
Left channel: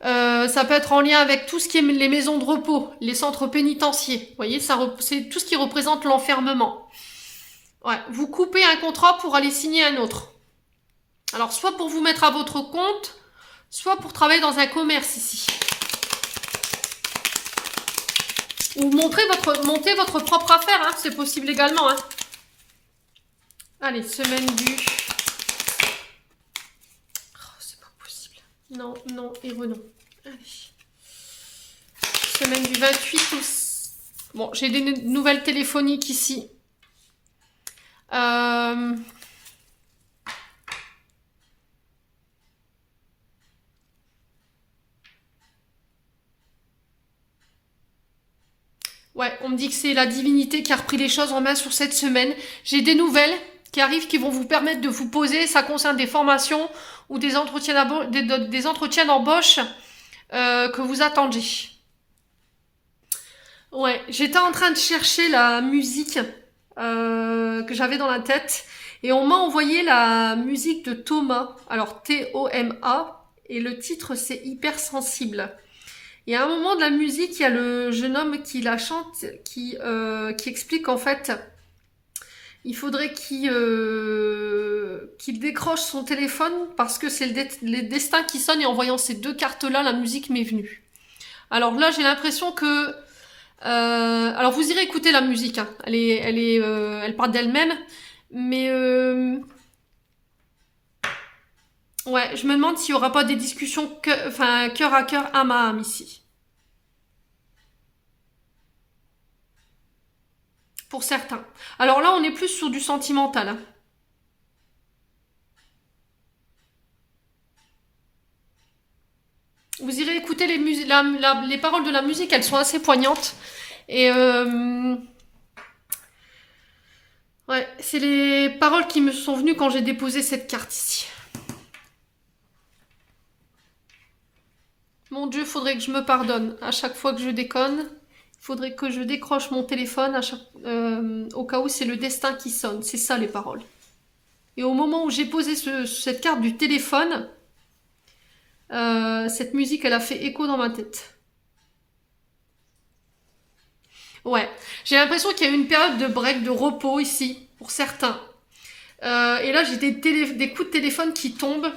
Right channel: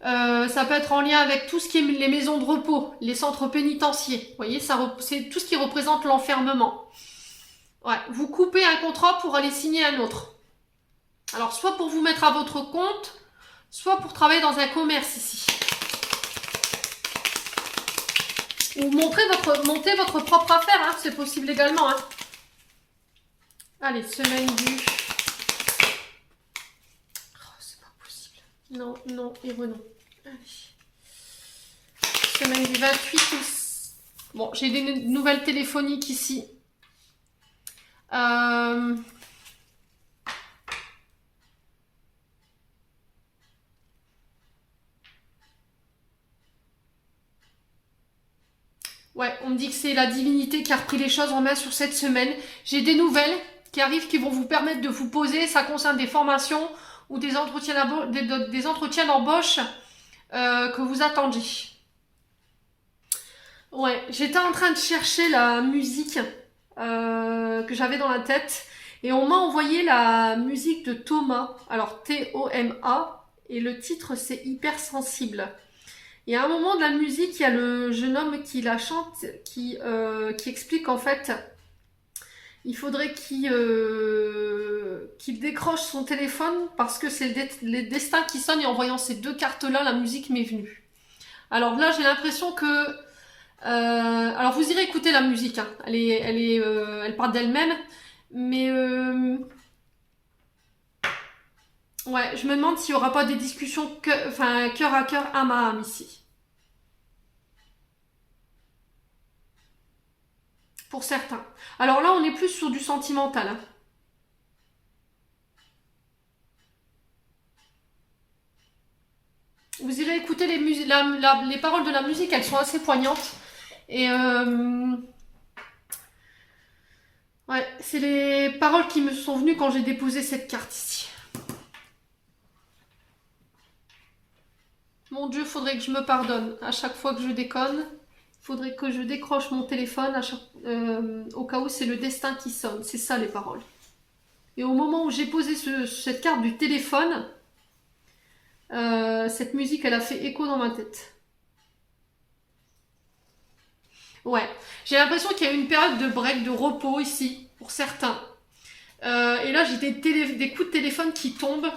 Ça peut être en lien avec tout ce qui est les maisons de repos, les centres pénitentiaires. Vous voyez, c'est tout ce qui représente l'enfermement. Ouais, vous coupez un contrat pour aller signer un autre. Alors, soit pour vous mettre à votre compte, soit pour travailler dans un commerce ici. Ou monter votre propre affaire, hein, c'est possible également. Hein. Allez, semaine du... Oh, c'est pas possible. Non, non et renom. Allez. Semaine du 28 au... Bon, j'ai des nouvelles téléphoniques ici. Ouais, on me dit que c'est la divinité qui a repris les choses en main sur cette semaine. J'ai des nouvelles qui arrivent qui vont vous permettre de vous poser. Ça concerne des formations ou des entretiens d'embauche que vous attendiez. Ouais, j'étais en train de chercher la musique que j'avais dans la tête et on m'a envoyé la musique de Thomas. Alors T-O-M-A et le titre c'est Hypersensible. Et à un moment de la musique, il y a le jeune homme qui la chante, qui explique en fait, il faudrait qu'il décroche son téléphone parce que c'est le destin qui sonne et en voyant ces deux cartes-là, la musique m'est venue. Alors là, j'ai l'impression que... alors vous irez écouter la musique, hein. Elle part d'elle-même, mais... ouais, je me demande s'il n'y aura pas des discussions cœur à cœur, âme à âme ici. Pour certains. Alors là, on est plus sur du sentimental. Hein. Vous irez écouter les paroles de la musique, elles sont assez poignantes. Et ouais, c'est les paroles qui me sont venues quand j'ai déposé cette carte ici. Mon Dieu, faudrait que je me pardonne à chaque fois que je déconne. Il faudrait que je décroche mon téléphone au cas où c'est le destin qui sonne. C'est ça les paroles. Et au moment où j'ai posé cette carte du téléphone, cette musique, elle a fait écho dans ma tête. Ouais, j'ai l'impression qu'il y a eu une période de break, de repos ici, pour certains. Et là, j'ai des coups de téléphone qui tombent.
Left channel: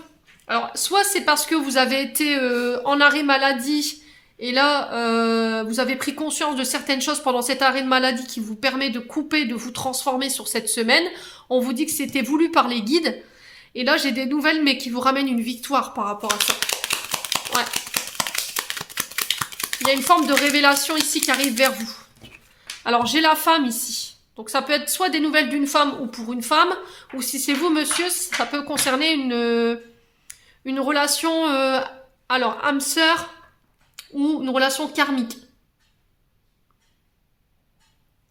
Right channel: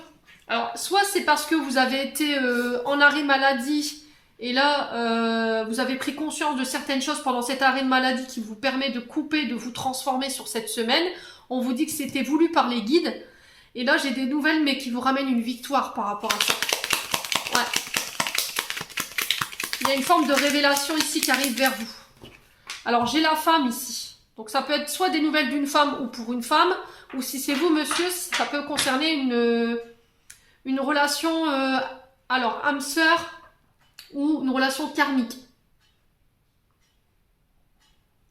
Alors, soit c'est parce que vous avez été en arrêt maladie, et là, vous avez pris conscience de certaines choses pendant cet arrêt de maladie qui vous permet de couper, de vous transformer sur cette semaine. On vous dit que c'était voulu par les guides. Et là, j'ai des nouvelles, mais qui vous ramènent une victoire par rapport à ça. Ouais. Il y a une forme de révélation ici qui arrive vers vous. Alors, j'ai la femme ici. Donc, ça peut être soit des nouvelles d'une femme ou pour une femme, ou si c'est vous, monsieur, ça peut concerner une relation, alors, âme-sœur ou une relation karmique.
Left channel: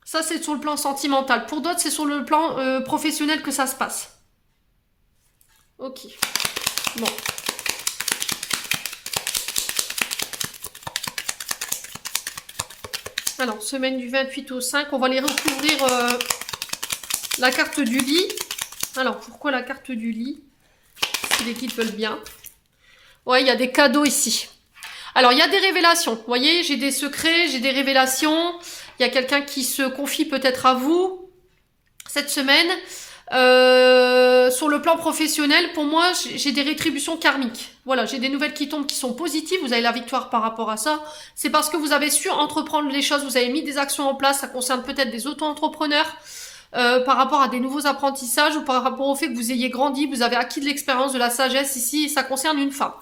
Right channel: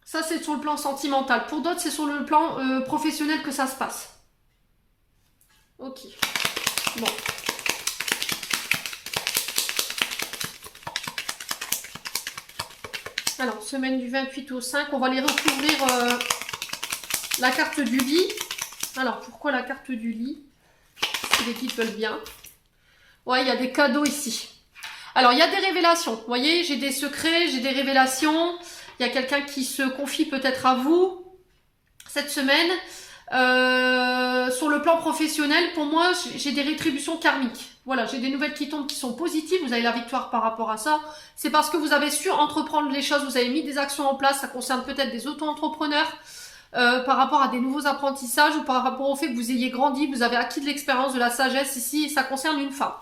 Ça, c'est sur le plan sentimental. Pour d'autres, c'est sur le plan professionnel que ça se passe. Ok. Bon. Alors, semaine du 28 au 5, on va les recouvrir la carte du lit. Alors, pourquoi la carte du lit? Si les guides veulent bien. Ouais, il y a des cadeaux ici. Alors, il y a des révélations. Vous voyez, j'ai des secrets, j'ai des révélations. Il y a quelqu'un qui se confie peut-être à vous cette semaine. Sur le plan professionnel, pour moi, j'ai des rétributions karmiques. Voilà, j'ai des nouvelles qui tombent qui sont positives. Vous avez la victoire par rapport à ça. C'est parce que vous avez su entreprendre les choses, vous avez mis des actions en place. Ça concerne peut-être des auto-entrepreneurs par rapport à des nouveaux apprentissages ou par rapport au fait que vous ayez grandi, vous avez acquis de l'expérience, de la sagesse ici. Et ça concerne une femme.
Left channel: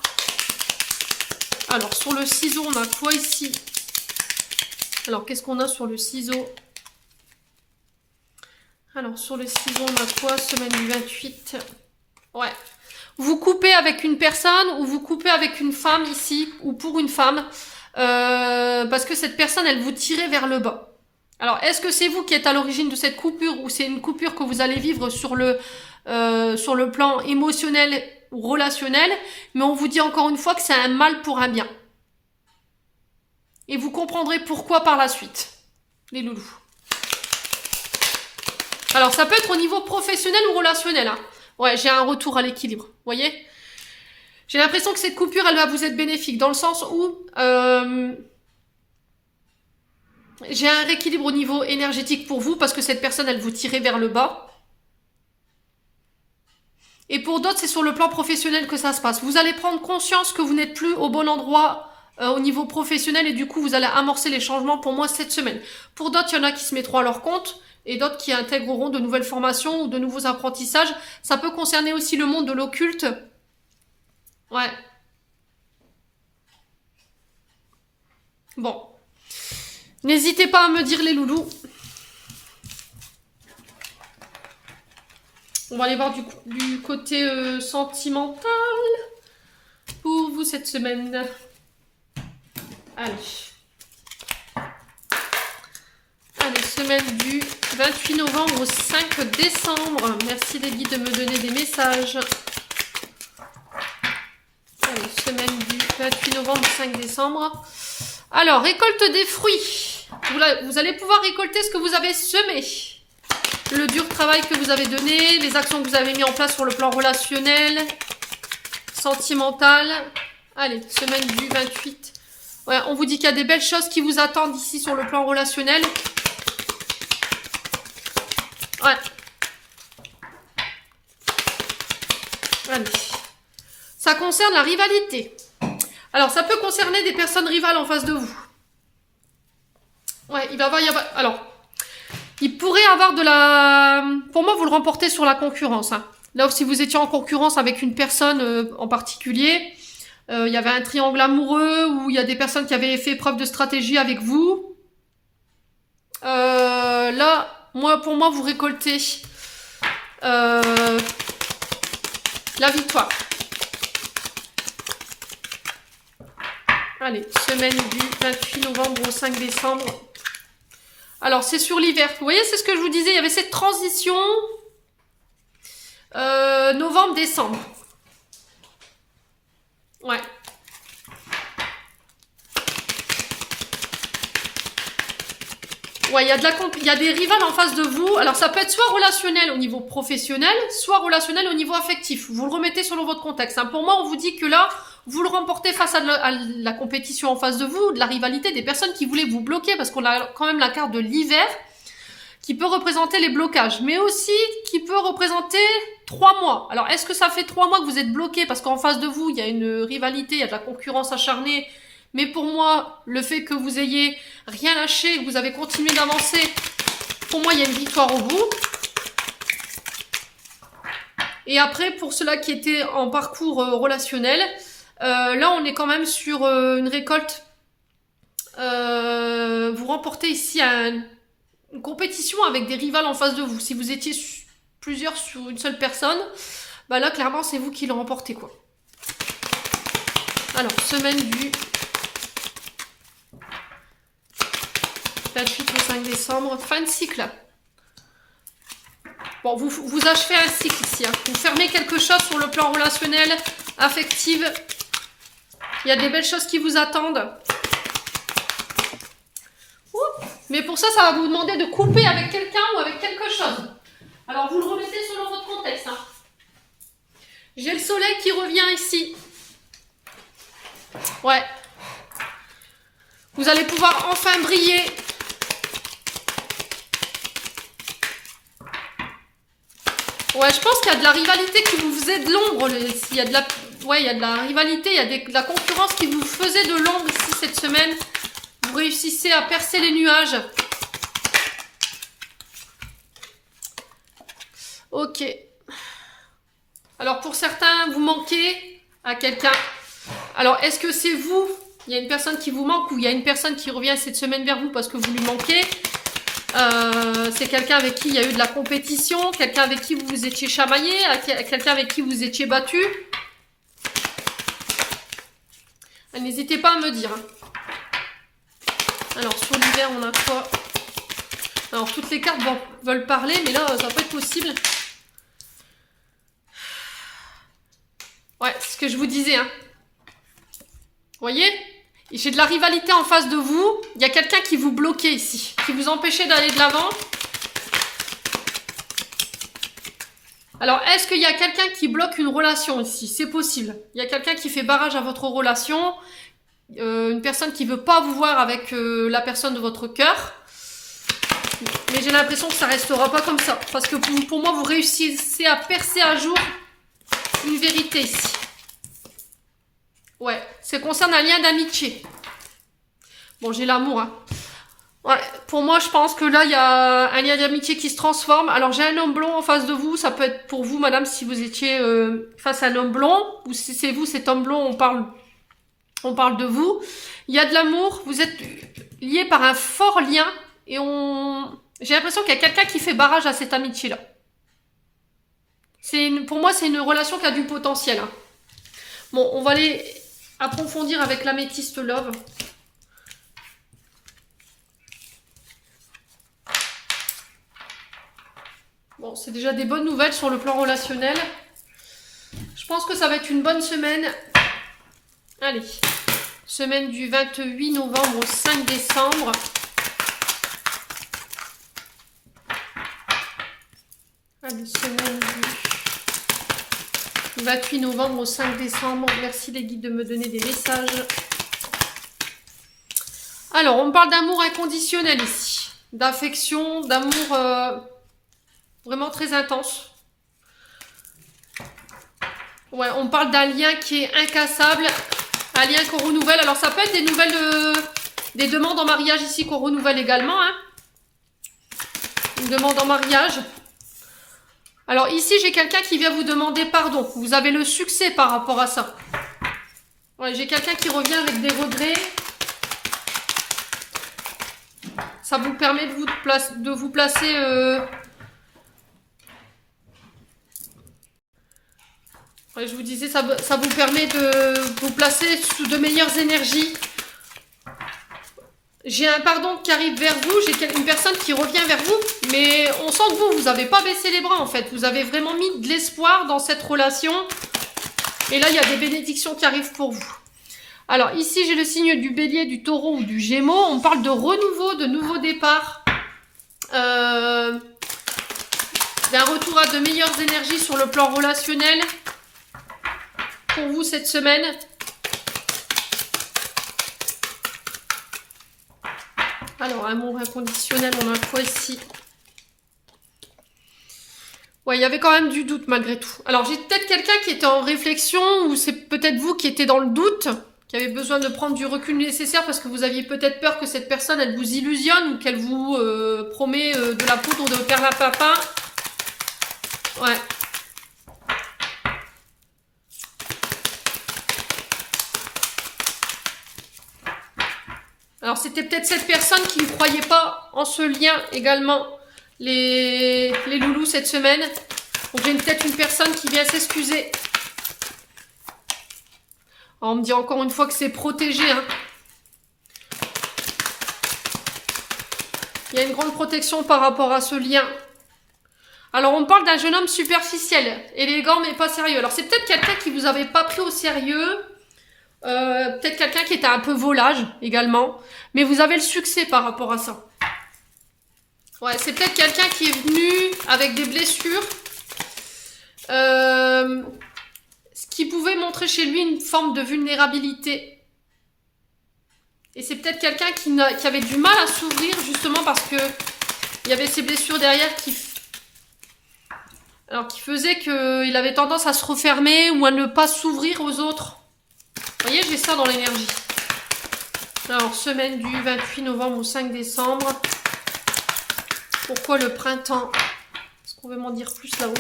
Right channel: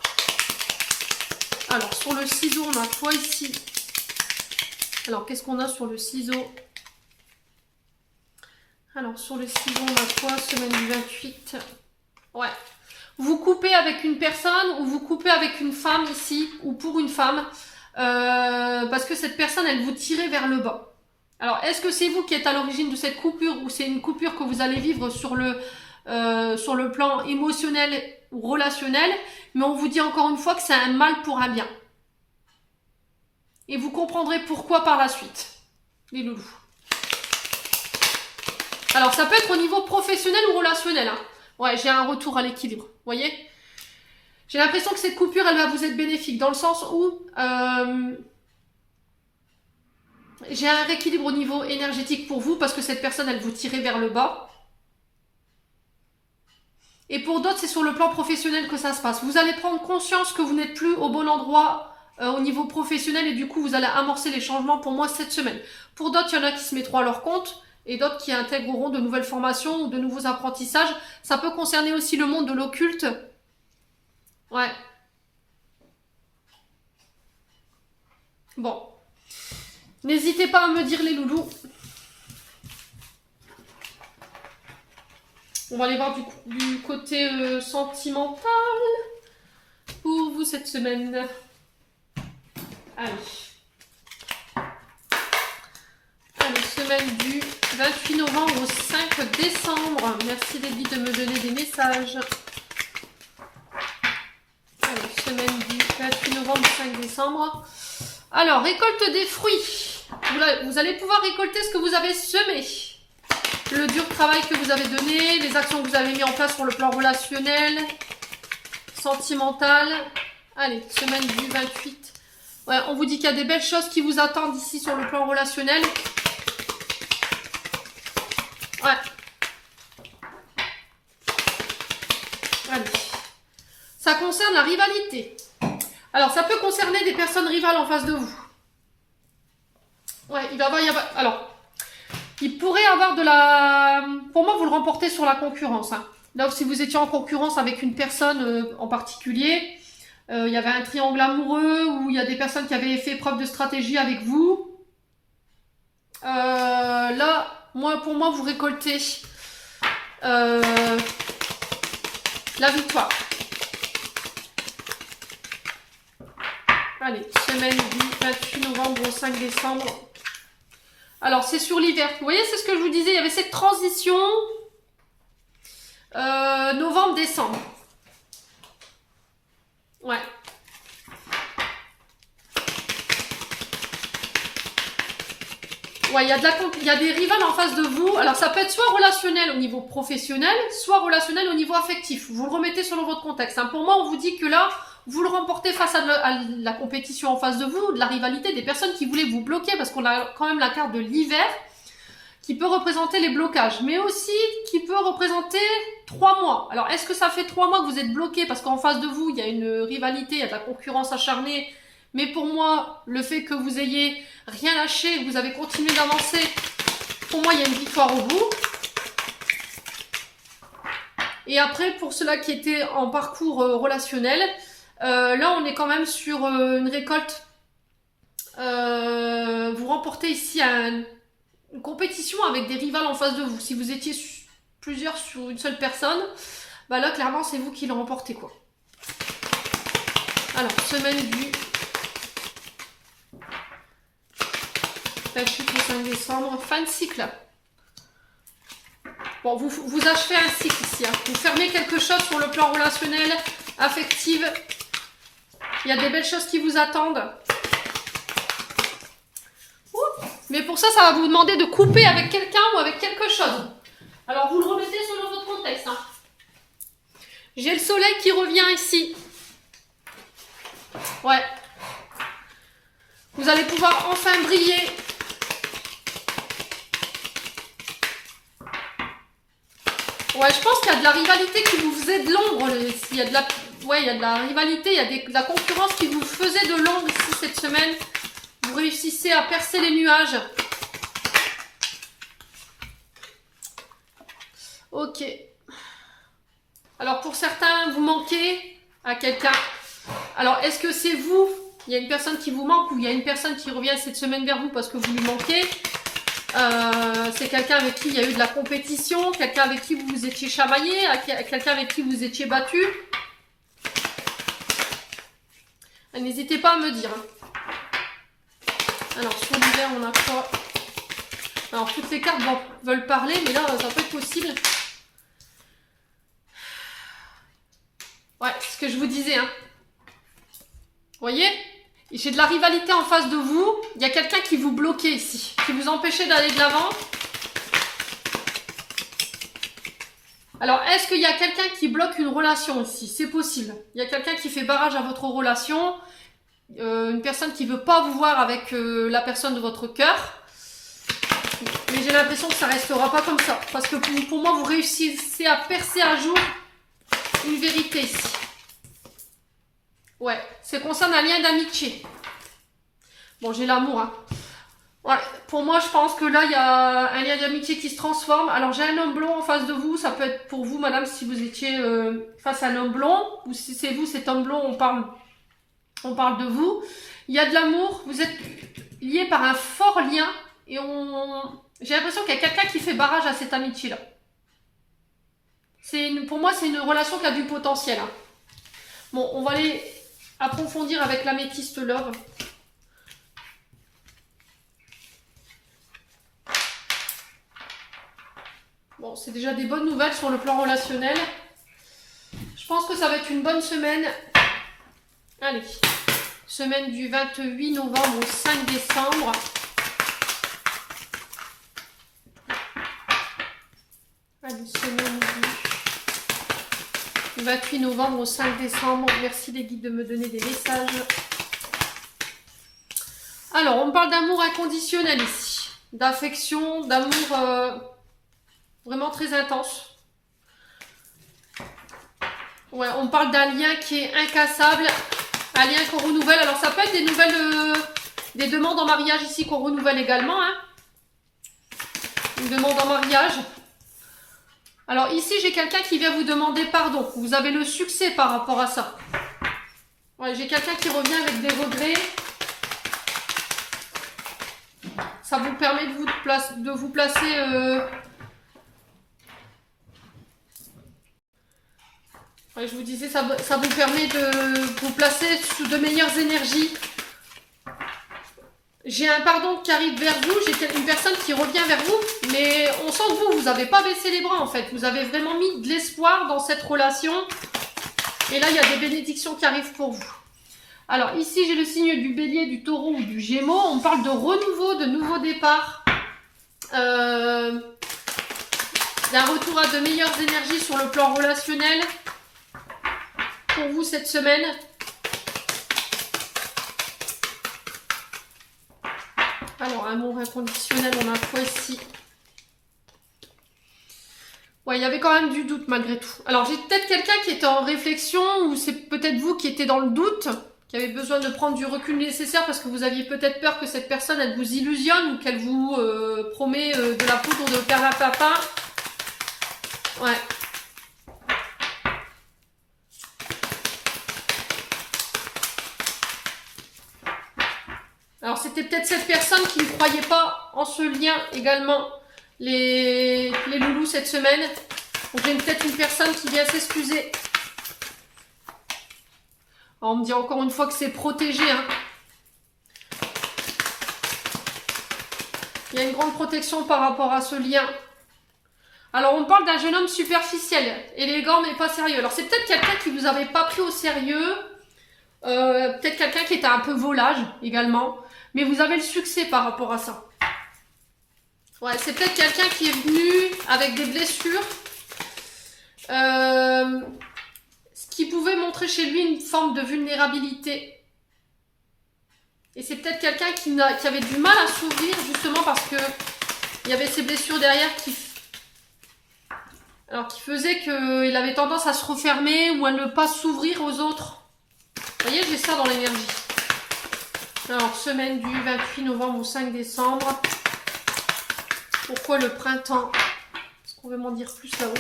Alors, sur le ciseau, on a quoi ici? Alors, qu'est-ce qu'on a sur le ciseau? Alors, sur le ciseau, on a quoi? Semaine du 28. Ouais. Vous coupez avec une personne ou vous coupez avec une femme ici, ou pour une femme, parce que cette personne, elle vous tirait vers le bas. Alors, est-ce que c'est vous qui êtes à l'origine de cette coupure ou c'est une coupure que vous allez vivre sur le sur le plan émotionnel ou relationnel, mais on vous dit encore une fois que c'est un mal pour un bien. Et vous comprendrez pourquoi par la suite, les loulous. Alors, ça peut être au niveau professionnel ou relationnel. Hein. Ouais, j'ai un retour à l'équilibre, vous voyez? J'ai l'impression que cette coupure, elle va vous être bénéfique, dans le sens où j'ai un rééquilibre au niveau énergétique pour vous, parce que cette personne, elle vous tirait vers le bas. Et pour d'autres, c'est sur le plan professionnel que ça se passe. Vous allez prendre conscience que vous n'êtes plus au bon endroit au niveau professionnel, et du coup, vous allez amorcer les changements pour moi cette semaine. Pour d'autres, il y en a qui se mettront à leur compte, et d'autres qui intégreront de nouvelles formations ou de nouveaux apprentissages. Ça peut concerner aussi le monde de l'occulte. Ouais. Bon. N'hésitez pas à me dire les loulous. On va aller voir du côté sentimental pour vous cette semaine. Allez. Allez, semaine du 28 novembre au 5 décembre. Merci les guides de me donner des messages. Allez, semaine du 28 novembre au 5 décembre. Alors, récolte des fruits. Vous allez pouvoir récolter ce que vous avez semé. Le dur travail que vous avez donné, les actions que vous avez mis en place sur le plan relationnel, sentimental. Allez, semaine du 28. Ouais, on vous dit qu'il y a des belles choses qui vous attendent ici sur le plan relationnel. Ouais. Allez. Ça concerne la rivalité. Alors, ça peut concerner des personnes rivales en face de vous. Ouais, il va y avoir... Alors, il pourrait avoir de la... Pour moi, vous le remportez sur la concurrence. Hein. Là, si vous étiez en concurrence avec une personne en particulier, il y avait un triangle amoureux, où il y a des personnes qui avaient fait preuve de stratégie avec vous. Là, pour moi, vous récoltez la victoire. Allez, semaine du 28 novembre au 5 décembre. Alors, c'est sur l'hiver. Vous voyez, c'est ce que je vous disais. Il y avait cette transition novembre-décembre. Ouais. Ouais, il y a des rivales en face de vous. Alors, ça peut être soit relationnel au niveau professionnel, soit relationnel au niveau affectif. Vous le remettez selon votre contexte. Hein. Pour moi, on vous dit que là, vous le remportez face à la compétition en face de vous, de la rivalité, des personnes qui voulaient vous bloquer, parce qu'on a quand même la carte de l'hiver, qui peut représenter les blocages, mais aussi qui peut représenter 3 mois. Alors, est-ce que ça fait 3 mois que vous êtes bloqué, parce qu'en face de vous, il y a une rivalité, il y a de la concurrence acharnée, mais pour moi, le fait que vous ayez rien lâché, que vous avez continué d'avancer, pour moi, il y a une victoire au bout. Et après, pour ceux-là qui étaient en parcours relationnel, là, on est quand même sur une récolte. Vous remportez ici une compétition avec des rivales en face de vous. Si vous étiez plusieurs sur une seule personne, bah là, clairement, c'est vous qui le remportez, quoi. Alors, semaine du 28 au 5 décembre, fin de cycle. Bon, vous achevez un cycle ici. Hein. Vous fermez quelque chose sur le plan relationnel, affectif. Il y a des belles choses qui vous attendent. Mais pour ça, ça va vous demander de couper avec quelqu'un ou avec quelque chose. Alors, vous le remettez selon votre contexte. Hein. J'ai le soleil qui revient ici. Ouais. Vous allez pouvoir enfin briller. Ouais, je pense qu'il y a de la rivalité qui vous faisait de l'ombre. Il y a de la... Ouais, il y a de la rivalité, il y a de la concurrence qui vous faisait de l'ombre ici cette semaine. Vous réussissez à percer les nuages. Ok. Alors pour certains, vous manquez à quelqu'un. Alors est-ce que c'est vous? Il y a une personne qui vous manque ou il y a une personne qui revient cette semaine vers vous parce que vous lui manquez? C'est quelqu'un avec qui il y a eu de la compétition, quelqu'un avec qui vous vous étiez chamaillé, quelqu'un avec qui vous étiez battu. N'hésitez pas à me dire. Alors, sur l'hiver, on a quoi? Alors, toutes les cartes veulent parler, mais là, ça peut être possible. ce que je vous disais, hein. Vous voyez? J'ai de la rivalité en face de vous. Il y a quelqu'un qui vous bloquait ici, qui vous empêchait d'aller de l'avant. Alors, est-ce qu'il y a quelqu'un qui bloque une relation ici? C'est possible. Il y a quelqu'un qui fait barrage à votre relation. Une personne qui ne veut pas vous voir avec la personne de votre cœur. Mais j'ai l'impression que ça ne restera pas comme ça. Parce que pour moi, vous réussissez à percer à jour une vérité ici. Ouais, ça concerne un lien d'amitié. Bon, j'ai l'amour, hein. Ouais, pour moi, je pense que là, il y a un lien d'amitié qui se transforme. Alors, j'ai un homme blond en face de vous. Ça peut être pour vous, madame, si vous étiez face à un homme blond. Ou si c'est vous, cet homme blond, on parle de vous. Il y a de l'amour. Vous êtes liés par un fort lien. Et j'ai l'impression qu'il y a quelqu'un qui fait barrage à cette amitié-là. Pour moi, c'est une relation qui a du potentiel, hein. Bon, on va aller approfondir avec l'améthyste love. Bon, c'est déjà des bonnes nouvelles sur le plan relationnel. Je pense que ça va être une bonne semaine. Allez, semaine du 28 novembre au 5 décembre. Allez, semaine du 28 novembre au 5 décembre. Merci les guides de me donner des messages. Alors, on parle d'amour inconditionnel ici. D'affection, d'amour vraiment très intense. Ouais, on parle d'un lien qui est incassable. Un lien qu'on renouvelle. Alors, ça peut être des nouvelles... des demandes en mariage ici qu'on renouvelle également, hein. Une demande en mariage. Alors ici, j'ai quelqu'un qui vient vous demander pardon. Vous avez le succès par rapport à ça. Ouais, j'ai quelqu'un qui revient avec des regrets. Ça vous permet de vous placer... Ouais, je vous disais, ça vous permet de vous placer sous de meilleures énergies. J'ai un pardon qui arrive vers vous, j'ai une personne qui revient vers vous, mais on sent que vous n'avez pas baissé les bras en fait. Vous avez vraiment mis de l'espoir dans cette relation. Et là, il y a des bénédictions qui arrivent pour vous. Alors ici, j'ai le signe du bélier, du taureau ou du gémeaux. On parle de renouveau, de nouveau départ. D'un retour à de meilleures énergies sur le plan relationnel. Pour vous cette semaine. Alors, amour inconditionnel, on a quoi ici? Ouais, il y avait quand même du doute malgré tout. Alors, j'ai peut-être quelqu'un qui était en réflexion, ou c'est peut-être vous qui étiez dans le doute, qui avez besoin de prendre du recul nécessaire parce que vous aviez peut-être peur que cette personne, elle vous illusionne ou qu'elle vous promet de la poudre de perlimpinpin. Ouais. Alors, c'était peut-être cette personne qui ne croyait pas en ce lien également, les loulous, cette semaine. Donc, j'ai peut-être une personne qui vient s'excuser. On me dit encore une fois que c'est protégé, hein. Il y a une grande protection par rapport à ce lien. Alors, on parle d'un jeune homme superficiel, élégant mais pas sérieux. Alors, c'est peut-être quelqu'un qui vous avait pas pris au sérieux. Peut-être quelqu'un qui était un peu volage également. Mais vous avez le succès par rapport à ça. Ouais, c'est peut-être quelqu'un qui est venu avec des blessures. Ce qui pouvait montrer chez lui une forme de vulnérabilité. Et c'est peut-être quelqu'un qui avait du mal à s'ouvrir justement parce que il y avait ces blessures derrière qui faisaient qu'il avait tendance à se refermer ou à ne pas s'ouvrir aux autres. Vous voyez, j'ai ça dans l'énergie. Alors, semaine du 28 novembre au 5 décembre. Pourquoi le printemps? Est-ce qu'on veut m'en dire plus là-haut?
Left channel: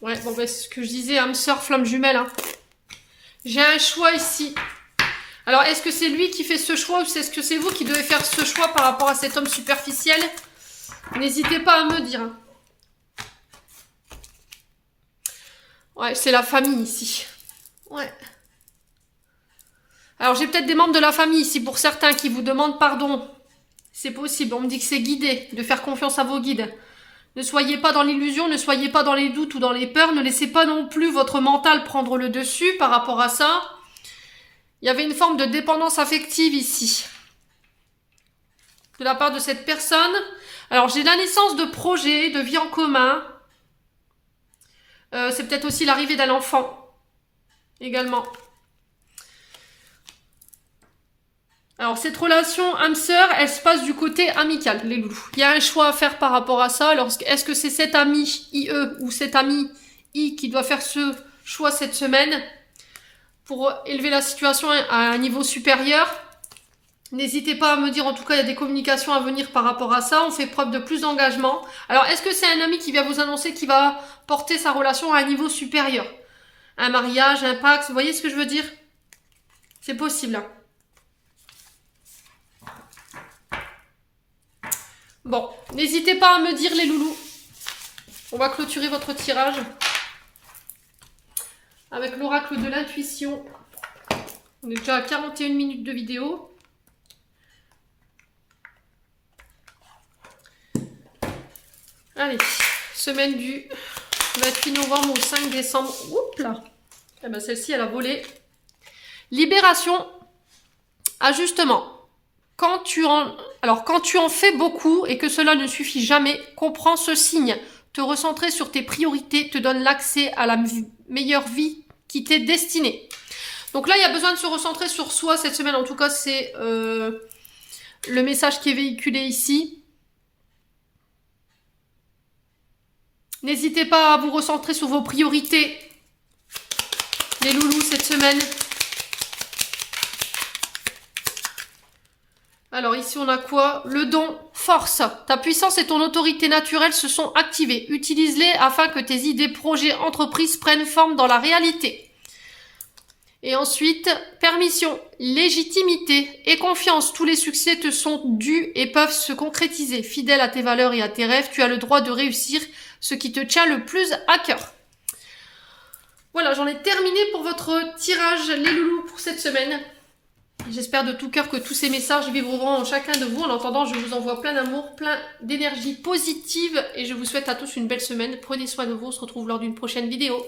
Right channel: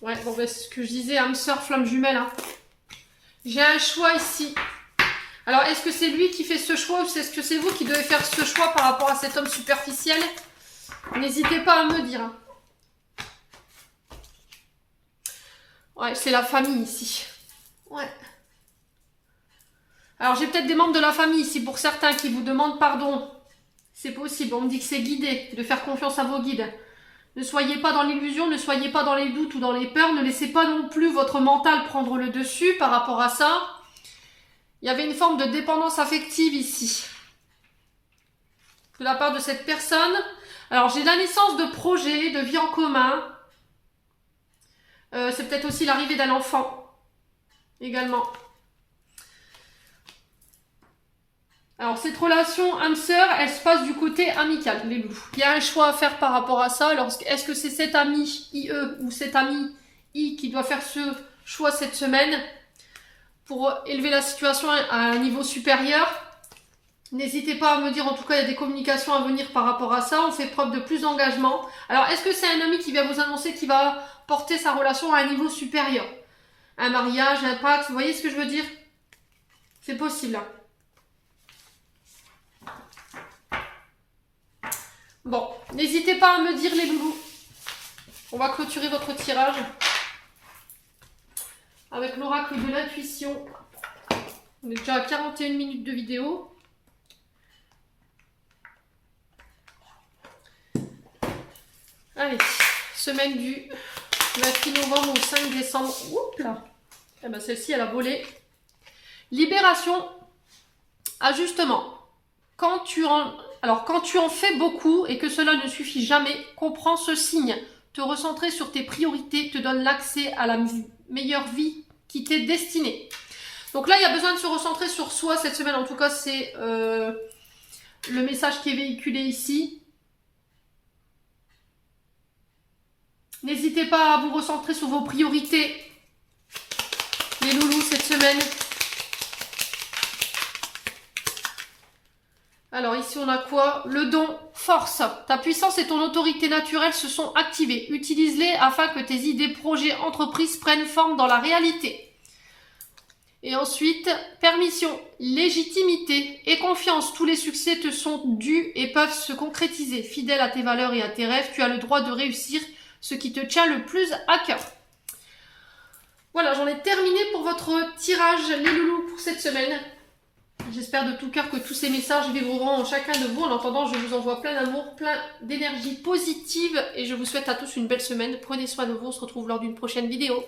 Ouais, bon, ben, c'est ce que je disais, âme sœur, flamme jumelle, hein. J'ai un choix ici. Alors, est-ce que c'est lui qui fait ce choix ou est-ce que c'est vous qui devez faire ce choix par rapport à cet homme superficiel? N'hésitez pas à me dire, hein. Ouais, c'est la famille ici. Ouais. Alors, j'ai peut-être des membres de la famille ici, pour certains, qui vous demandent pardon. C'est possible, on me dit que c'est guidé, de faire confiance à vos guides. Ne soyez pas dans l'illusion, ne soyez pas dans les doutes ou dans les peurs. Ne laissez pas non plus votre mental prendre le dessus par rapport à ça. Il y avait une forme de dépendance affective ici. De la part de cette personne. Alors, j'ai la naissance de projets, de vie en commun. C'est peut-être aussi l'arrivée d'un enfant. Également. Alors, cette relation âme-sœur, elle se passe du côté amical, les loulous. Il y a un choix à faire par rapport à ça. Alors, est-ce que c'est cet ami IE ou cet ami I qui doit faire ce choix cette semaine pour élever la situation à un niveau supérieur? N'hésitez pas à me dire, en tout cas, il y a des communications à venir par rapport à ça. On fait preuve de plus d'engagement. Alors, est-ce que c'est un ami qui vient vous annoncer qu'il va porter sa relation à un niveau supérieur? Un mariage, un pacte, vous voyez ce que je veux dire? C'est possible, hein. Bon, n'hésitez pas à me dire les loulous. On va clôturer votre tirage avec l'oracle de l'intuition. On est déjà à 41 minutes de vidéo. Allez, semaine du 28 novembre au 5 décembre. Oups là. Eh ben, celle-ci, elle a volé. Libération, ajustement. Quand tu en fais beaucoup et que cela ne suffit jamais, comprends ce signe. Te recentrer sur tes priorités te donne l'accès à la meilleure vie qui t'est destinée. Donc là, il y a besoin de se recentrer sur soi cette semaine. En tout cas, c'est le message qui est véhiculé ici. N'hésitez pas à vous recentrer sur vos priorités, les loulous, cette semaine. Alors ici, on a quoi? Le don, force. Ta puissance et ton autorité naturelle se sont activées. Utilise-les afin que tes idées, projets, entreprises prennent forme dans la réalité. Et ensuite, permission, légitimité et confiance. Tous les succès te sont dus et peuvent se concrétiser. Fidèle à tes valeurs et à tes rêves, tu as le droit de réussir ce qui te tient le plus à cœur. Voilà, j'en ai terminé pour votre tirage, les loulous, pour cette semaine. J'espère de tout cœur que tous ces messages vibreront en chacun de vous. En attendant, je vous envoie plein d'amour, plein d'énergie positive et je vous souhaite à tous une belle semaine. Prenez soin de vous, on se retrouve lors d'une prochaine vidéo.